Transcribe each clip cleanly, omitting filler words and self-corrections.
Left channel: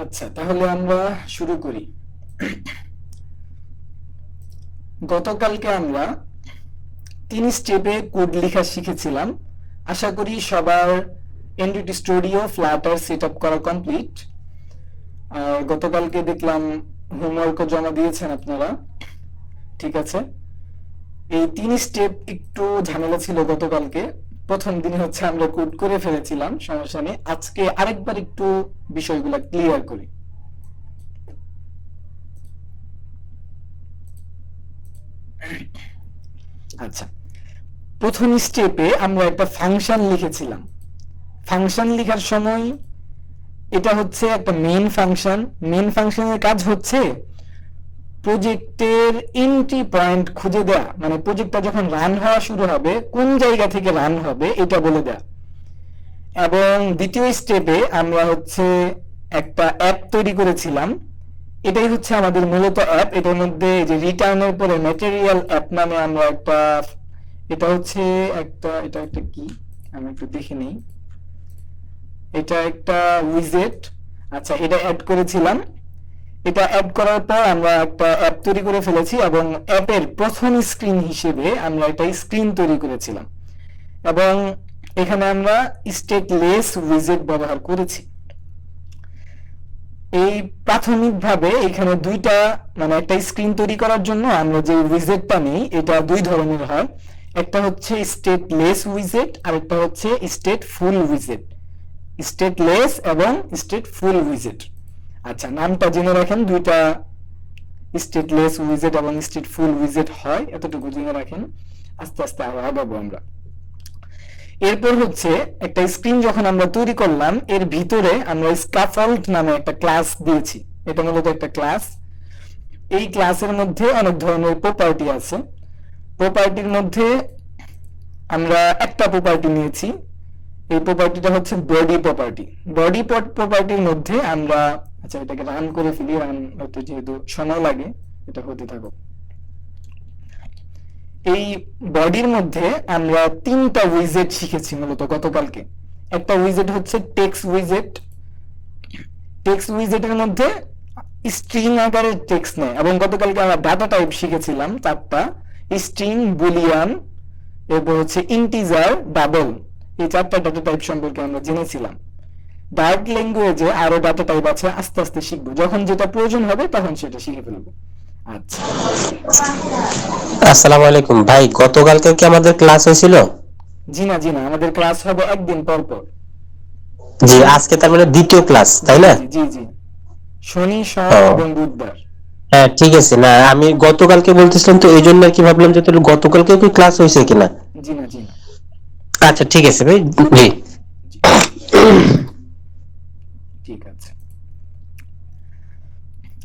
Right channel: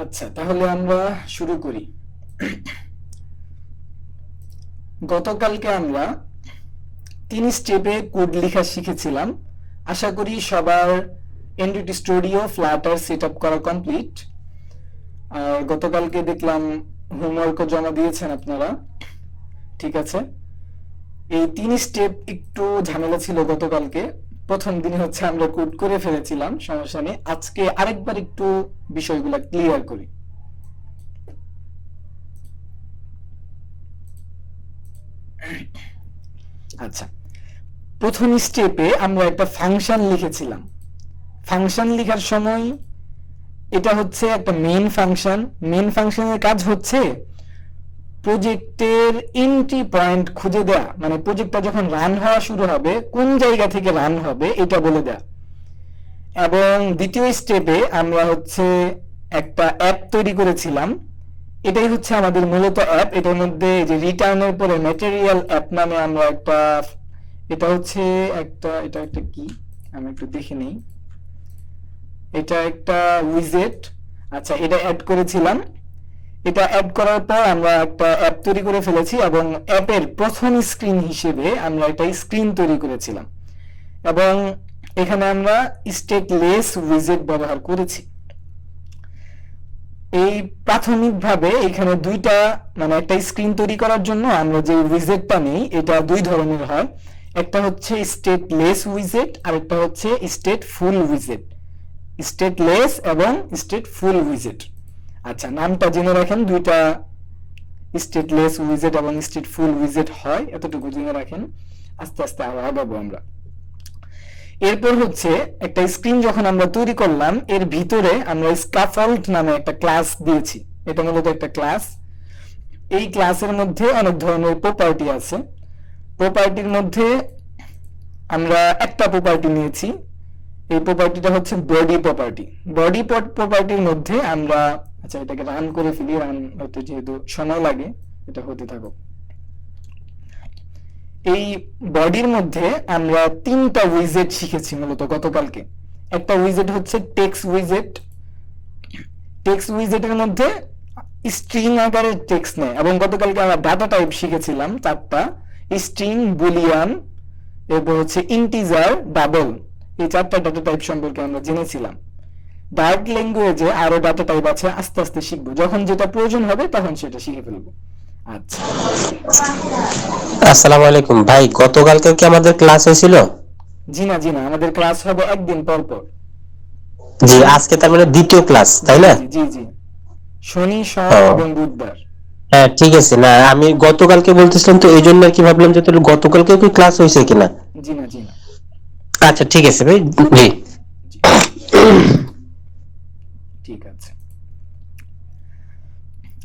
আচ্ছা, তাহলে আমরা শুরু করি। গতকালকে আমরা 3 স্টেপে কোড লেখা শিখেছিলাম। আশা করি সবার Android studio Flutter set up করা কমপ্লিট। গতকালকে দেখলাম হোমওয়ার্কও জমা দিয়েছেন আপনারা। ঠিক আছে, এই 3 স্টেপ একটু ঝামেলা ছিল গতকালকে। প্রথম দিন হচ্ছে আমরা কোড করে ফেলেছিলাম, সমস্যা নেই। আজকে আরেকবার একটু বিষয়গুলো ক্লিয়ার করি। আচ্ছা, প্রথম স্টেপে আমরা একটা ফাংশন লিখেছিলাম। ফাংশন লেখার সময় এটা হচ্ছে একটা মেইন ফাংশন। মেইন ফাংশনের কাজ হচ্ছে প্রজেক্টের এন্ট্রি পয়েন্ট খুঁজে দেয়া, মানে প্রজেক্টটা যখন রান হওয়া শুরু হবে কোন জায়গা থেকে রান হবে এটা বলে দেয়া। এবং দ্বিতীয় স্টেপে আমরা হচ্ছে একটা অ্যাপ তৈরি করেছিলাম। এটাই হচ্ছে আমাদের মূলত অ্যাপ। এটার মধ্যে যে রিটার্নের পরে ম্যাটেরিয়াল অ্যাপ নামে আমরা একটা, এটা হচ্ছে এটা একটা কি, আমি একটু দেখে নিই। এটা একটা উইজেট। আচ্ছা, এটা অ্যাড করেছিলাম। এটা অ্যাড করার পর আমরা একটা অ্যাপ তৈরি করে ফেলেছি এবং অ্যাপের প্রথম স্ক্রিন হিসেবে আমরা একটা স্ক্রিন তৈরি করেছিলাম। এবং এখানে আমরা স্টেটলেস উইজেট ব্যবহার করেছি। এই প্রাথমিকভাবে এখানে দুইটা, মানে একটা স্ক্রিন তৈরি করার জন্য আমরা যে উইজেটটা নিই এটা দুই ধরনের হয়। একটা হচ্ছে স্টেটলেস উইজেট আর একটা হচ্ছে স্টেটফুল উইজেট। স্টেটলেস এবং স্টেটফুল উইজেট। আচ্ছা, নামটা জেনে রাখেন, দুইটা স্টেটলেস উইজেট এবং স্টেটফুল উইজেট হয়, এতটুকু জেনে রাখেন। আস্তে আস্তে আরো আগাবো আমরা। এরপর হচ্ছে একটা স্ক্রিন যখন আমরা তৈরি করলাম এর ভিতরে আমরা স্ক্যাফোল্ড নামে একটা ক্লাস দিয়েছি। এটা মূলত একটা ক্লাস। এই ক্লাসের মধ্যে অনেক ধরনের প্রপার্টি আছে। প্রপার্টির মধ্যে আমরা একটা প্রপার্টি নিয়েছি। এই প্রপার্টিটা হচ্ছে বডি প্রপার্টি। বডি প্রপার্টির মধ্যে আমরা, আচ্ছা এটাকে রান করে ফেলি, রান হতে যেহেতু সময় লাগে এটা হতে থাকো। এই বডির মধ্যে আমরা 3টা উইজেট শিখেছি মূলত গতকালকে। একটা উইজেট হচ্ছে টেক্সট উইজেট। টেক্সট উইজেটের মধ্যে স্ট্রিং আকারের টেক্সট নেয় এবং গতকালকে আমরা ডাটা টাইপ শিখেছিলাম 4টা: স্ট্রিং, বুলিয়ান, এরপর হচ্ছে ইন্টিজার, ডাবল। এই 4টা ডাটা টাইপ সম্পর্কে আমরা জেনেছিলাম। ডার্ক ল্যাঙ্গুয়েজে আরো ডাটা টাইপ আছে, আস্তে আস্তে শিখবো, যখন যেটা প্রয়োজন হবে তখন সেটা শিখে ফেলবো। আচ্ছা, আসসালামু আলাইকুম ভাই, গতকালকে কি আমাদের ক্লাস হয়েছিল? জি না জি না, আমাদের ক্লাস হবে একদিন পর পর। জি, আজকে তার মানে দ্বিতীয় ক্লাস, তাই জি না? জি জি জি, শনি, সোম ও এবং বুধবার। হ্যাঁ, ঠিক আছে। না, আমি গতকালকে বলতেছিলাম তো, এই জন্য আর কি ভাবলাম যে তাহলে গতকালকে কি ক্লাস হয়েছে কিনা। জি না জি না। আচ্ছা ঠিক আছে ভাই। জি। জি, ঠিক আছে।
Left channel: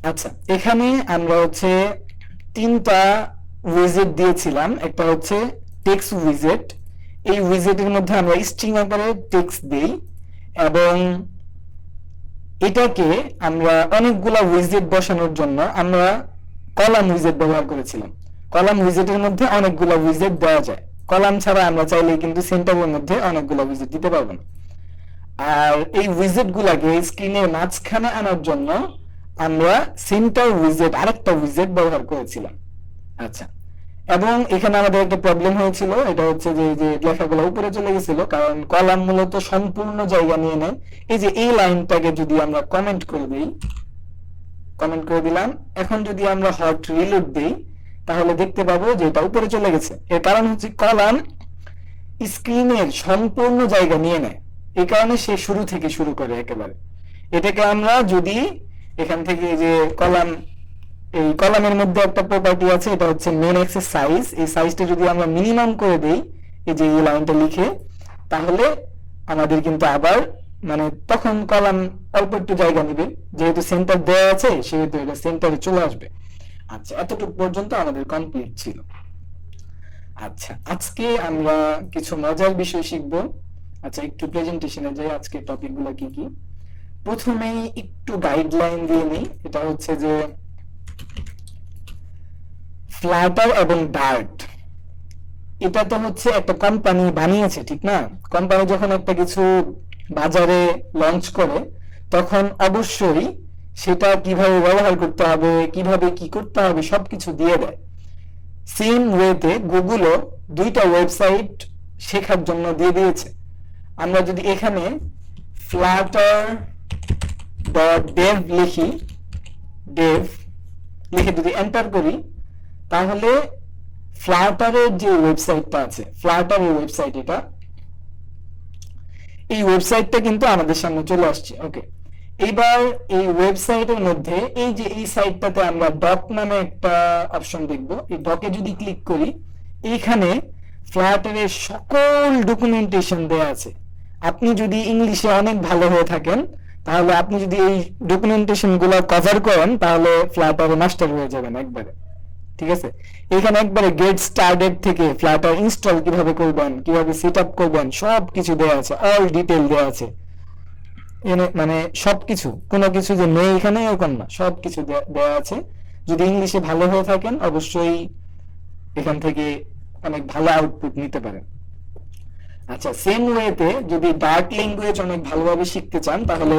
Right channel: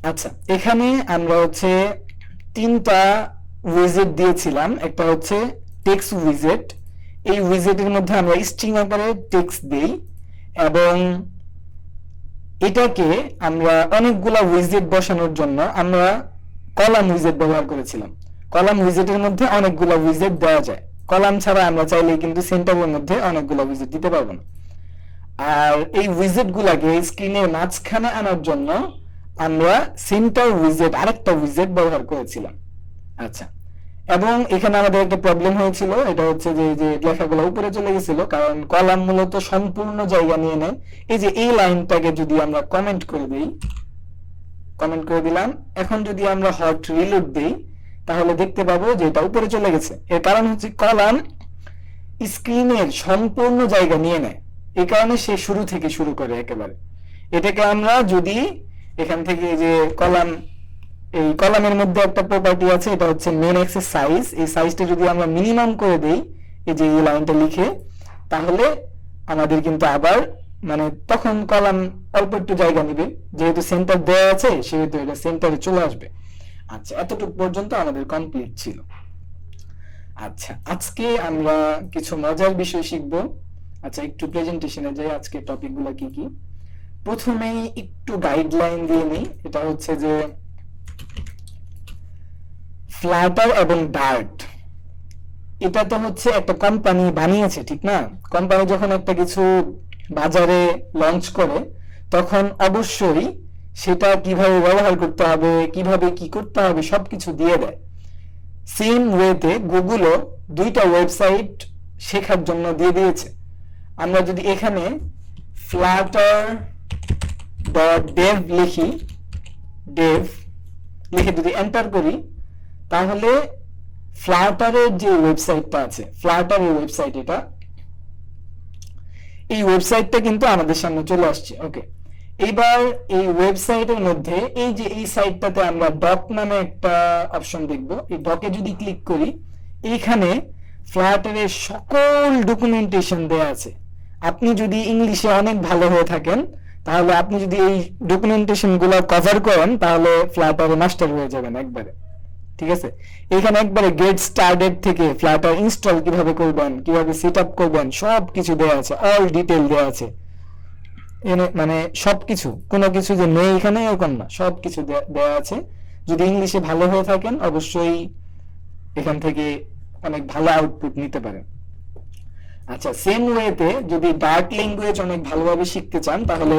আচ্ছা, এখানে আমরা হচ্ছে 3টা উইজেট দিয়েছিলাম। একটা হচ্ছে টেক্সট উইজেট। এই উইজেটের মধ্যে আমরা স্ট্রিং আকারে টেক্সট দিই এবং এটাকে আমরা অনেকগুলা উইজেট বসানোর জন্য আমরা কলাম উইজেট ব্যবহার করেছিলাম। কলাম উইজেটের মধ্যে অনেকগুলা উইজেট দেওয়া যায়। কলাম ছাড়া আমরা চাইলে কিন্তু সেন্টারের মধ্যে অনেকগুলা উইজেট দিতে পারবো না। আর এই উইজেট গুলাকে স্ক্রিনের মাঝখানে আনার জন্য আমরা সেন্টার উইজেট, আরেকটা উইজেট ব্যবহার করেছিলাম। আচ্ছা, এবং এখানে আমাদের একটা প্রবলেম হয়েছিল, এটা হচ্ছে যে যে লেখাগুলো উপরে চলে গেছিল, কারণ কলাম মূলত সম্পূর্ণ জায়গা নিয়ে নেয়। এই যে এই লাইনটাকে যদি আমরা কমেন্ট করে দিই, কমেন্ট করে দিলাম, এখন যদি আমরা হট রিলোড দিই তাহলে দেখতে পাবো যে এটা উপরে চলে গেছে। এর কারণ হচ্ছে কলাম স্ক্রিনের সম্পূর্ণ জায়গা নিয়ে নেয়, এই কারণে সে শুরু থেকে শুরু করে একেবারে। এটাকে আমরা যদি এখান থেকে যে কলাম, এই কলামের মধ্যে একটা প্রপার্টি আছে, এটা হচ্ছে মেন অ্যাক্সেস সাইজ। এই সাইজটা যদি আমরা মিনিমাম করে দেই, এই যে এই লাইনটা লিখে, তাহলে আমাদের কিন্তু আবার, মানে তখন কলাম অল্প একটু জায়গা নেবে, যেহেতু সেন্টার দেওয়া আছে সেহেতু এটা সেন্টারে চলে আসবে। আচ্ছা, এতটুকু পর্যন্ত আমাদের কমপ্লিট ছিল। আচ্ছা, আজকে আমরা কিছু মজার বিষয় শিখব। আচ্ছা, একটু প্রেজেন্টেশনে যাই, আজকে টপিকগুলো কি কি। প্রথমেই একটু গাইডলাইন দিয়ে নিই। এটা হচ্ছে যে ফ্লাটার এবং ডার্ট, এটা তো হচ্ছে একটা কোম্পানি বানিয়েছে, ঠিক না? কোম্পানি যখন একটা কিছু বাজারে লঞ্চ করে তখন অবশ্যই সেটা কিভাবে ব্যবহার করতে হবে, কিভাবে কি করতে হবে সবকিছু দিয়ে দেয়। সেম ওয়েতে গুগলও দুইটা ওয়েবসাইট শেখার জন্য দিয়ে দিয়েছে। আমরা যদি এখানে flutter.dev লিখি, dev লিখে যদি এন্টার করি, তাহলে ফ্লাটারের যে ওয়েবসাইটটা আছে, ফ্লাটারের ওয়েবসাইট এটা, এই ওয়েবসাইটটা কিন্তু আমাদের সামনে চলে আসছে। ওকে, এইবার এই ওয়েবসাইটের মধ্যে এই যে এই সাইটটাতে আমরা ডক নামে একটা অপশন দেখব। এই ডকে যদি ক্লিক করি, এইখানে ফ্লাটারের সকল ডকুমেন্টেশন দেওয়া আছে। আপনি যদি ইংলিশে অনেক ভালো হয়ে থাকেন, তাহলে আপনি যদি এই ডকুমেন্টেশন গুলো কভার করেন, তাহলে ফ্লাটারে মাস্টার হয়ে যাবেন একবারে। ঠিক আছে, এখানে একবারে গেট স্টার্টেড থেকে ফ্লাটার ইনস্টল কিভাবে করবেন, কিভাবে সেট আপ করবেন, সবকিছু দেওয়া আছে, অল ডিটেল দেওয়া আছে। মানে সবকিছু, কোনো কিছু যে নেই এখানে এরকম না, সবকিছু দেওয়া আছে। যদি ইংলিশে ভালো হয়ে থাকেন, অবশ্যই এখান থেকে অনেক ভালো আউটপুট নিতে পারেন। আচ্ছা, সেম ওয়েতে যদি ডার্ক ল্যাঙ্গুয়েজ অনেক ভালোভাবে শিখতে চান, তাহলে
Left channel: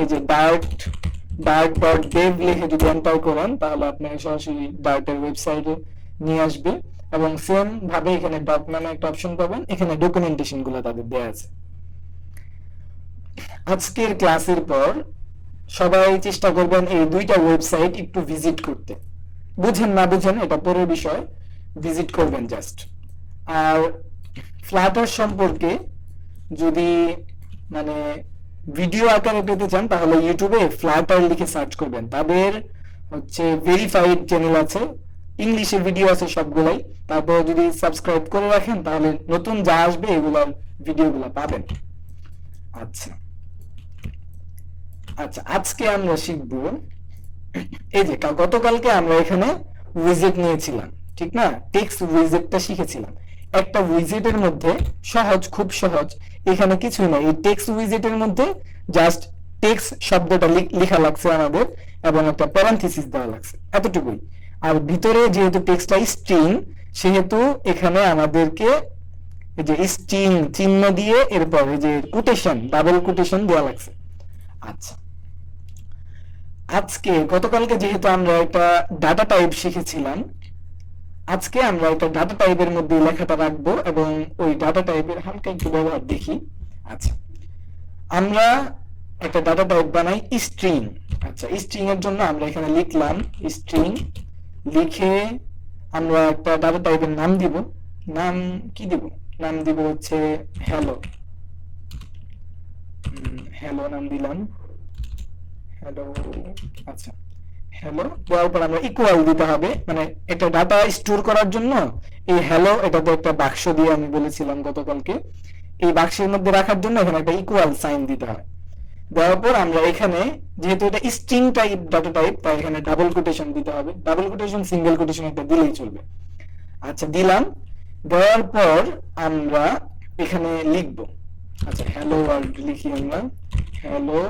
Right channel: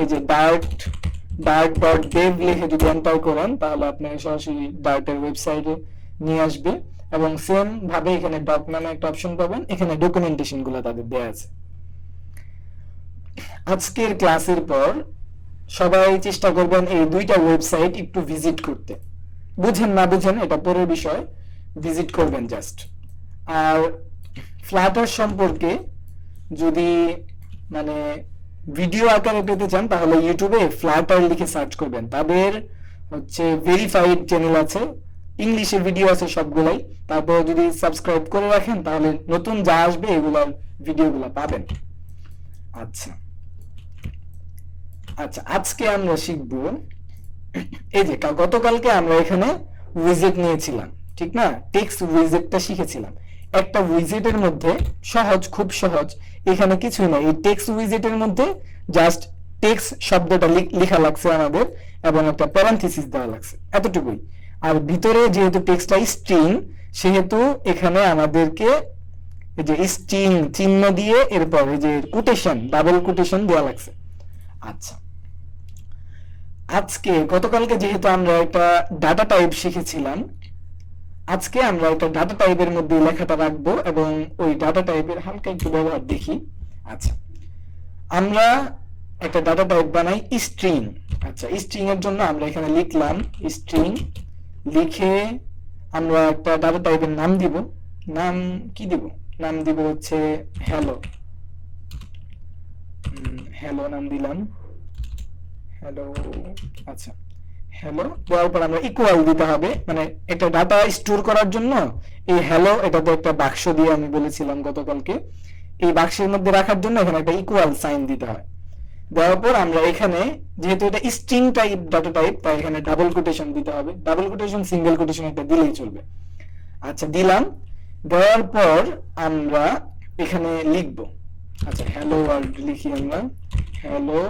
এই যে dark.dev লিখে যদি এন্টার করেন, তাহলে আপনি সরাসরি ডার্কের ওয়েবসাইটে নিয়ে আসবে। এবং সেম ভাবে এখানে ডক নামে একটা অপশন পাবেন, এখানে ডকুমেন্টেশন গুলো তাদের দেওয়া আছে। আজকের ক্লাসের পর সবাই চেষ্টা করবেন এই দুইটা ওয়েবসাইট একটু ভিজিট করতে। বুঝেন না বুঝেন এটা পরের বিষয়, ভিজিট করবেন জাস্ট। আর ফ্লাটার সম্পর্কে যদি মানে ভিডিও আকারে পেতে চান, তাহলে ইউটিউবে ফ্লাটার লিখে সার্চ করবেন। তাদের হচ্ছে ভেরিফাইড চ্যানেল আছে, ইংলিশে ভিডিও আছে সবগুলাই। তারপর যদি সাবস্ক্রাইব করে রাখেন, তাহলে নতুন যা আসবে এগুলোর ভিডিওগুলো পাবেন। আচ্ছা আচ্ছা, আজকে আমরা শিখব, এই যে গতকালকে আমরা এখানে উইজেট নিয়েছিলাম, ঠিক না? টেক্সট উইজেটটা শিখেছিলাম। একটা উইজেটের মধ্যে সহজ, খুব সহজ, এখানে কিছুই না। এই টেক্সট উইজেটের মধ্যে জাস্ট টেক্সট শব্দটা লেখা লাগছে আমাদের, এবং একটা প্যারান্থেসিস দেওয়া লাগছে, এতটুকুই। আর ভিতরে যেহেতু টেক্সটটা স্ট্রিং, সেহেতু এখানে আমাদেরকে এই যে স্ট্রিং চিহ্ন দিয়ে এরপর এই যে কোটেশন, ডাবল কোটেশন দেওয়া লাগছে। আচ্ছা, আজকে গতকালকে যেহেতু আমরা একটা ডাটা টাইপ শিখেছিলাম, আজকে আমরা একটা ডাটা টাইপের মধ্যে লেখাটা রাখবো এবং ওই ডাটা টাইপের হালকা একটু ব্যবহার দেখি। আচ্ছা, আমরা একটা ডাটা টাইপ বানাই স্ট্রিং। আচ্ছা, স্ট্রিং এর জন্য আমরা এখানে লিখলাম স্ট্রিং, লিখে আমরা একটা ডাটা টাইপের নাম দিব। নাম কি দিব? নাম দিব হচ্ছে হ্যালো। হ্যালো নাম দিলাম, হ্যালো। আচ্ছা, হ্যালো দেওয়ার পর আমরা ইকুয়াল দিতে হবে, মানে একটা ডাটা স্টোর করার জন্য এই হ্যালো, এটা তো একটা বাক্স দিয়ে আমি বলেছিলাম গতকালকে, এই বাক্সের মধ্যে রাখার জন্য এখানে একটা ইকুয়াল সাইন দিতে হয়। দেওয়ার পর আমরা এখানে যেহেতু এটা স্ট্রিং টাইপ ডাটা টাইপ, তাই এখানে ডাবল কোটেশন দিতে হবে। ডাবল কোটেশন, সিঙ্গেল কোটেশন একটা দিলেই চলবে। আচ্ছা, দিলাম। দেওয়ার পর আমরা এখানে লিখবো, আচ্ছা হ্যালো ওয়ার্ল্ড লিখি আমরা, হ্যালো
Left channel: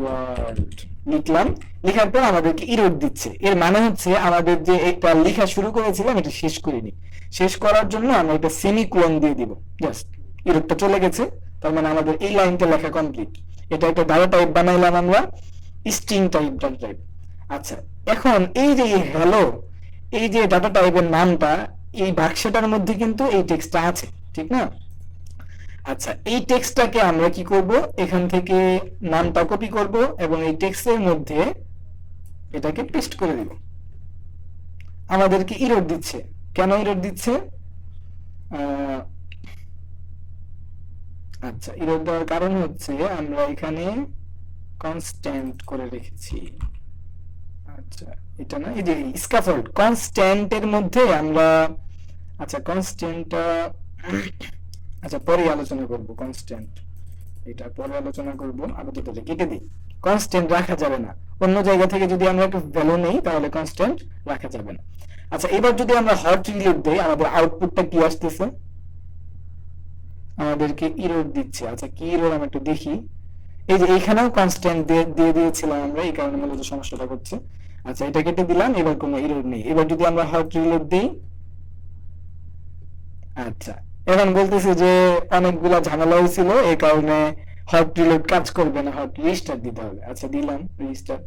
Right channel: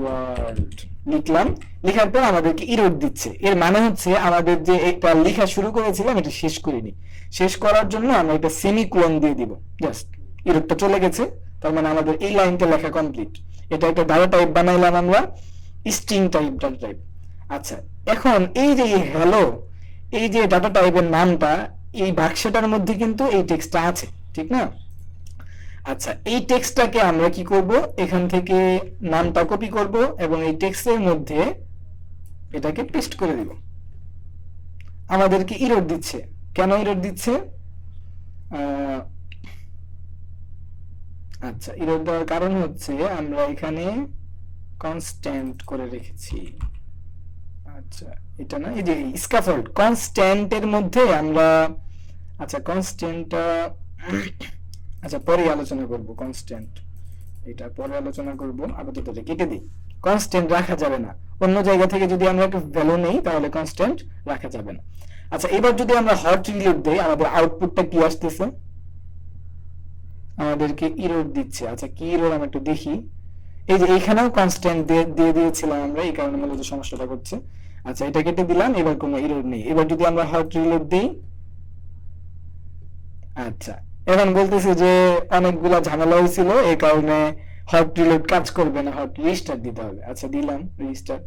ওয়ার্ল্ড লিখলাম। লেখার পর আমাদেরকে এরর দিচ্ছে। এর মানে হচ্ছে আমাদের যে একটা লেখা শুরু করেছিলাম এটা শেষ করিনি। শেষ করার জন্য আমরা একটা সেমিকোলন দিয়ে দিব, জাস্ট এররটা চলে গেছে, তার মানে আমাদের এই লাইনটা লেখা কমপ্লিট। এটা একটা ডাটা টাইপ বানাইলাম আমরা, স্ট্রিং টাইপ ডাটা টাইপ। আচ্ছা, এখন এই যে হ্যালো, এই যে ডাটা টাইপের নামটা, এই বাক্সটার মধ্যে কিন্তু এই টেক্সটটা আছে, ঠিক না? আচ্ছা, এই টেক্সটটাকে আমরা কি করব, এখান থেকে নামটা কপি করব এবং এই টেক্সটের মধ্যে এটাকে পেস্ট করে দেব। আমাদেরকে এরর দিচ্ছে, কেন এরর দিচ্ছে? আচ্ছা, এরর দেওয়ার কারণ হচ্ছে আমরা এখানে কনস্ট্যান্ট করে রেখেছি। আচ্ছা, এটা না, এই যে স্ক্যাফোল্ড কনস্ট্যান্টের মধ্যে আমরা, আচ্ছা কনস্ট্যান্টটা আচ্ছা পরে আলোচনা করব। কনস্ট্যান্ট এটা পরে আলোচনা করব, আপাতত এটা কেটে দিই। কনস্ট্যান্ট রাখা যাবে না, অন্য জায়গা থেকে যদি আমরা একটা ভ্যালু নেই তাহলে কনস্ট্যান্ট রাখা যাবে না। আচ্ছা, এবার যদি আমরা হট রিলেট দেই, আমাদের আউটপুটটা কি আসতেছে? আমাদেরকে এরর দিচ্ছে। আচ্ছা, কি এরর আমি একটু দেখি। এই যে এইখানেও কনস্ট্যান্ট দিয়ে দিয়েছিলাম আমরা, এই কারণে মূলত সমস্যাটা করছে। আচ্ছা, এটা কেটে দিলাম, এবার কোনো এরর নেই। এবার যদি আমরা হট রিলেট দেই, আচ্ছা এখন বলতেছে যে অনেকগুলা ঝামেলা হয়েছিল, এই কারণে হট রিলোড কাজ করবে না, হট রিস্টার্ট দিতে হবে। আচ্ছা দিলাম রিস্টার্ট।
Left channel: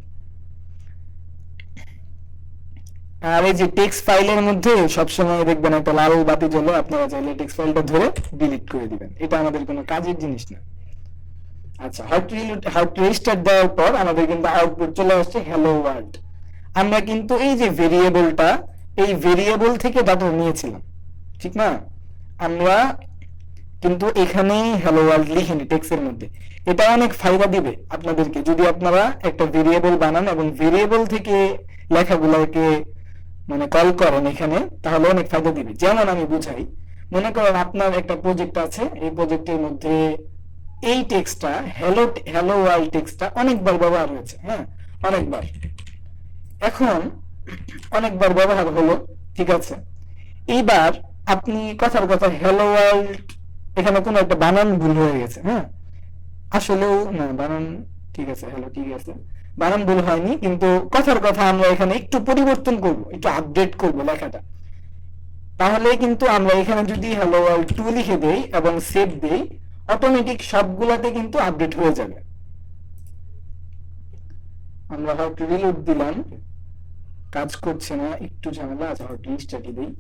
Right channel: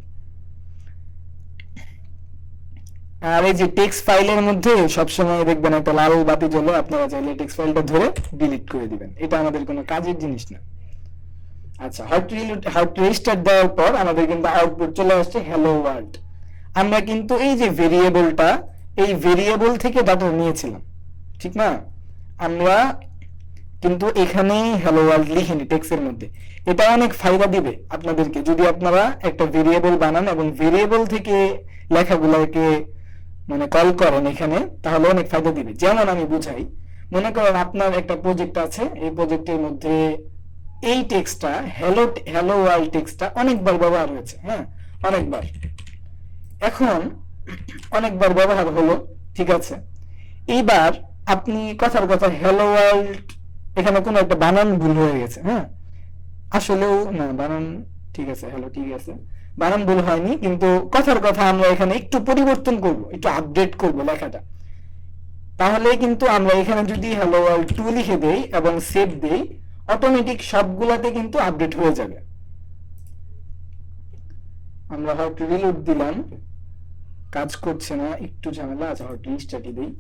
আর এই যে টেক্সট ফাইলের মধ্যে সবসময় দেখবেন একটা লাল বাতি জ্বলে, আপনারা চাইলে টেক্সট ফাইলটা ধরে ডিলিট করে দিবেন, এটা আমাদের কোনো কাজের জিনিস না। আচ্ছা হট রিস্টার্ট দেওয়ার পর আমাদের কিন্তু আউটপুট চলে আসছে হ্যালো ওয়ার্ল্ড। আমরা কিন্তু এই যে ভেরিয়েবলটা, এই ভেরিয়েবল থেকে ডাটা নিয়েছিলাম, ঠিক না? আমরা কিন্তু এখানে হ্যালো ওয়ার্ল্ড লিখিনি টেক্সটের মধ্যে। এটা অনেক ফায়দা দিবে আপনাদেরকে যদি আপনারা একটা ভেরিয়েবল বানান এবং ভেরিয়েবল থেকে লেখাগুলোকে মানে কল করেন এখানে, তাহলে অনেক ফায়দা দিবে। যেমন আমি বুঝাই, মনে করেন আপনার একটা প্রজেক্ট আছে, এই প্রজেক্টের মধ্যে এই টেক্সটটা হ্যালো ওয়ার্ল্ড টেক্সটটা অনেকবার ব্যবহার হয়েছে, হ্যাঁ অনেকবার। এখন অনেকবার ব্যবহার হলো, ঠিক আছে। এইবার আপনি কথার কথা হ্যালো ওয়ার্ল্ড, এখানে কোনো একটা বানান ভুল হয়ে গেছে, হ্যাঁ আসলেও না বানান ঠিক আছে, হ্যালো ঠিক আছে, বানান ভুল হয়নি, কিন্তু কথার কথা আমরা এখানে একটু পরিবর্তন করব, একটু আপডেট করব লেখাটা। তাহলে কিন্তু আমরা এখানে যদি হ্যালো ওয়ার্ল্ড 2 লিখে দেই এবং সেভ দেই, অটোমেটিক সবগুলাতে কিন্তু আপডেট হয়ে যাবে। আমরা হয়তো রিলোড দিলাম, কাজ করছে না, একটু ঝামেলা আছে, হয়তো রিস্টার্ট দিই।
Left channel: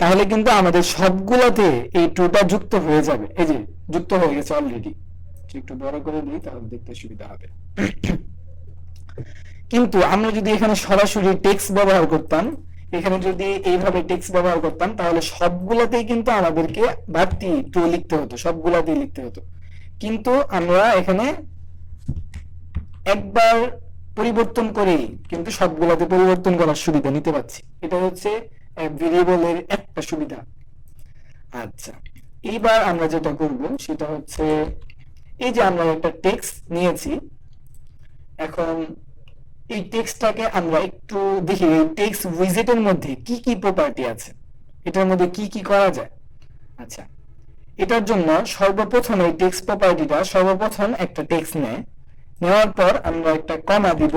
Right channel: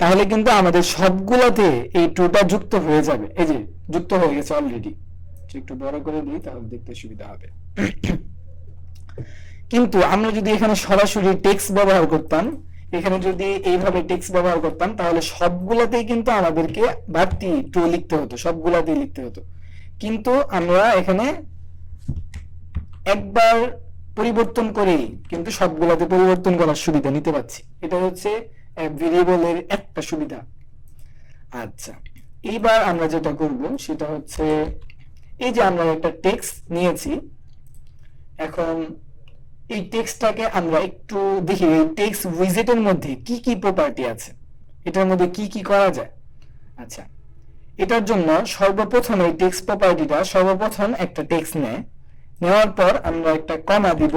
তাহলে কিন্তু আমাদের সবগুলাতে এই টুটা যুক্ত হয়ে যাবে, এই যে যুক্ত হয়ে গেছে অলরেডি। একটু বড় করে দিই তাহলে দেখতে সুবিধা হবে। কিন্তু আমরা যদি এখানে সরাসরি টেক্সট ব্যবহার করতাম, এখানে যদি এইভাবে টেক্সট ব্যবহার করতাম, তাহলে সবগুলাতেই কিন্তু আমাদেরকে বাড়তি টু লিখতে হতো, সবগুলাতেই লিখতে হতো। কিন্তু আমরা এখানে একবার পরিবর্তন করেই কিন্তু সবগুলাতে পরিবর্তন করার সুবিধা নিতে পারছি। এটা হচ্ছে ভেরিয়েবলের একটা সুবিধা। আচ্ছা, এইবার আমরা যেটা করব সেটা হচ্ছে, এই যে আমরা একটা টেক্সট নিয়েছি, এখন এই টেক্সটটাকে আমরা একটু দেখি এই টেক্সট উইজেটের মধ্যে কি কি প্রপার্টি আছে, এটার মধ্যে কি কি করা যায়। আচ্ছা, এটার জন্য সর্বপ্রথম এই টেক্সট প্রপার্টিটা সর্বপ্রথম একটা টেক্সট নেওয়ার পর আমরা একটা কমা দিব।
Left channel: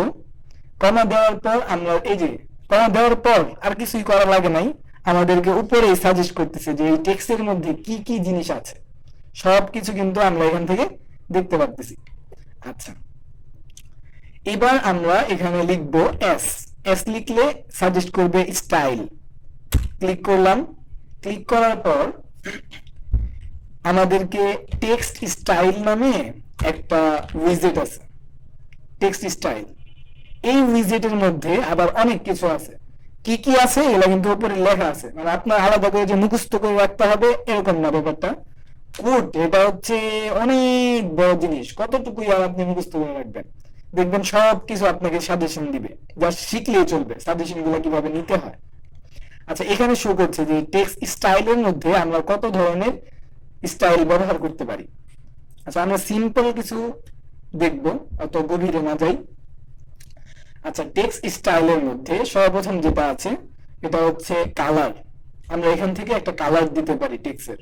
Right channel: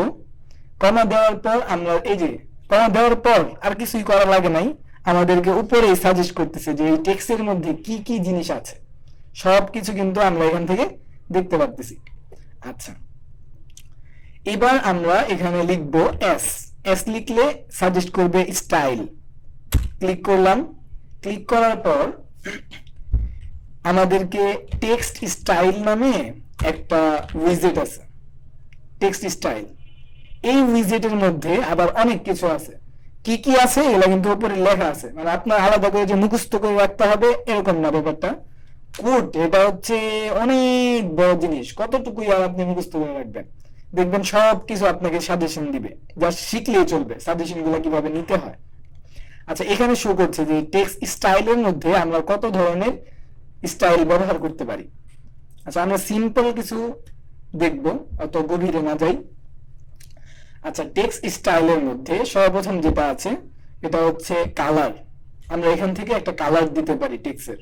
কমা দেওয়ার পর আমরা এই যে কমা দেওয়ার পর আর কিছুই করা লাগে নাই, আমাদেরকে উপরেই সাজেস্ট করতেছে যে এই টেক্সটের মধ্যে কি কি জিনিস আছে, সবকিছু কিন্তু আমরা এখান থেকে দেখতে পাচ্ছি। আচ্ছা, এবার আমরা এখানে লিখব এস। এস লিখলে সাজেস্ট করবে স্টাইল। ক্লিক করলাম, ক্লিক করার পর আমাদেরকে টেক্সট স্টাইল নামে একটা উইজেট আছে, টেক্সট স্টাইল। এই উইজেটের মধ্যে আবার অনেক কিছু আছে, কি কি আছে এগুলো কিন্তু উপরে লেখা আছে, মানে আপনার আলাদা করে যে মুখস্থ করে রাখতে হবে এরকম না ব্যাপারটা। কোড এটা হচ্ছে অনেক বড় জিনিস, কতটুকুই আর আপনি মুখস্থ করে রাখবেন। দেখবেন সব কিছু আপনাকে সাজেশন দিবে, যা শিখলেই চলবে সাজেশন গুলো কিভাবে নিতে হয়। আচ্ছা, এখানে শো করছে যে টেক্সট স্টাইলের মধ্যে আমরা কত ধরনের স্টাইল ব্যবহার করতে পারি। আচ্ছা, আমরা সিম্পল কিছু দেখব, অত গভীরে না যাই। আচ্ছা, টেক্সট স্টাইলের মধ্যে সর্বপ্রথম যেটা আছে এটা হচ্ছে কালার। আমরা এখান থেকে একটা কালার দিতে পারি টেক্সটের।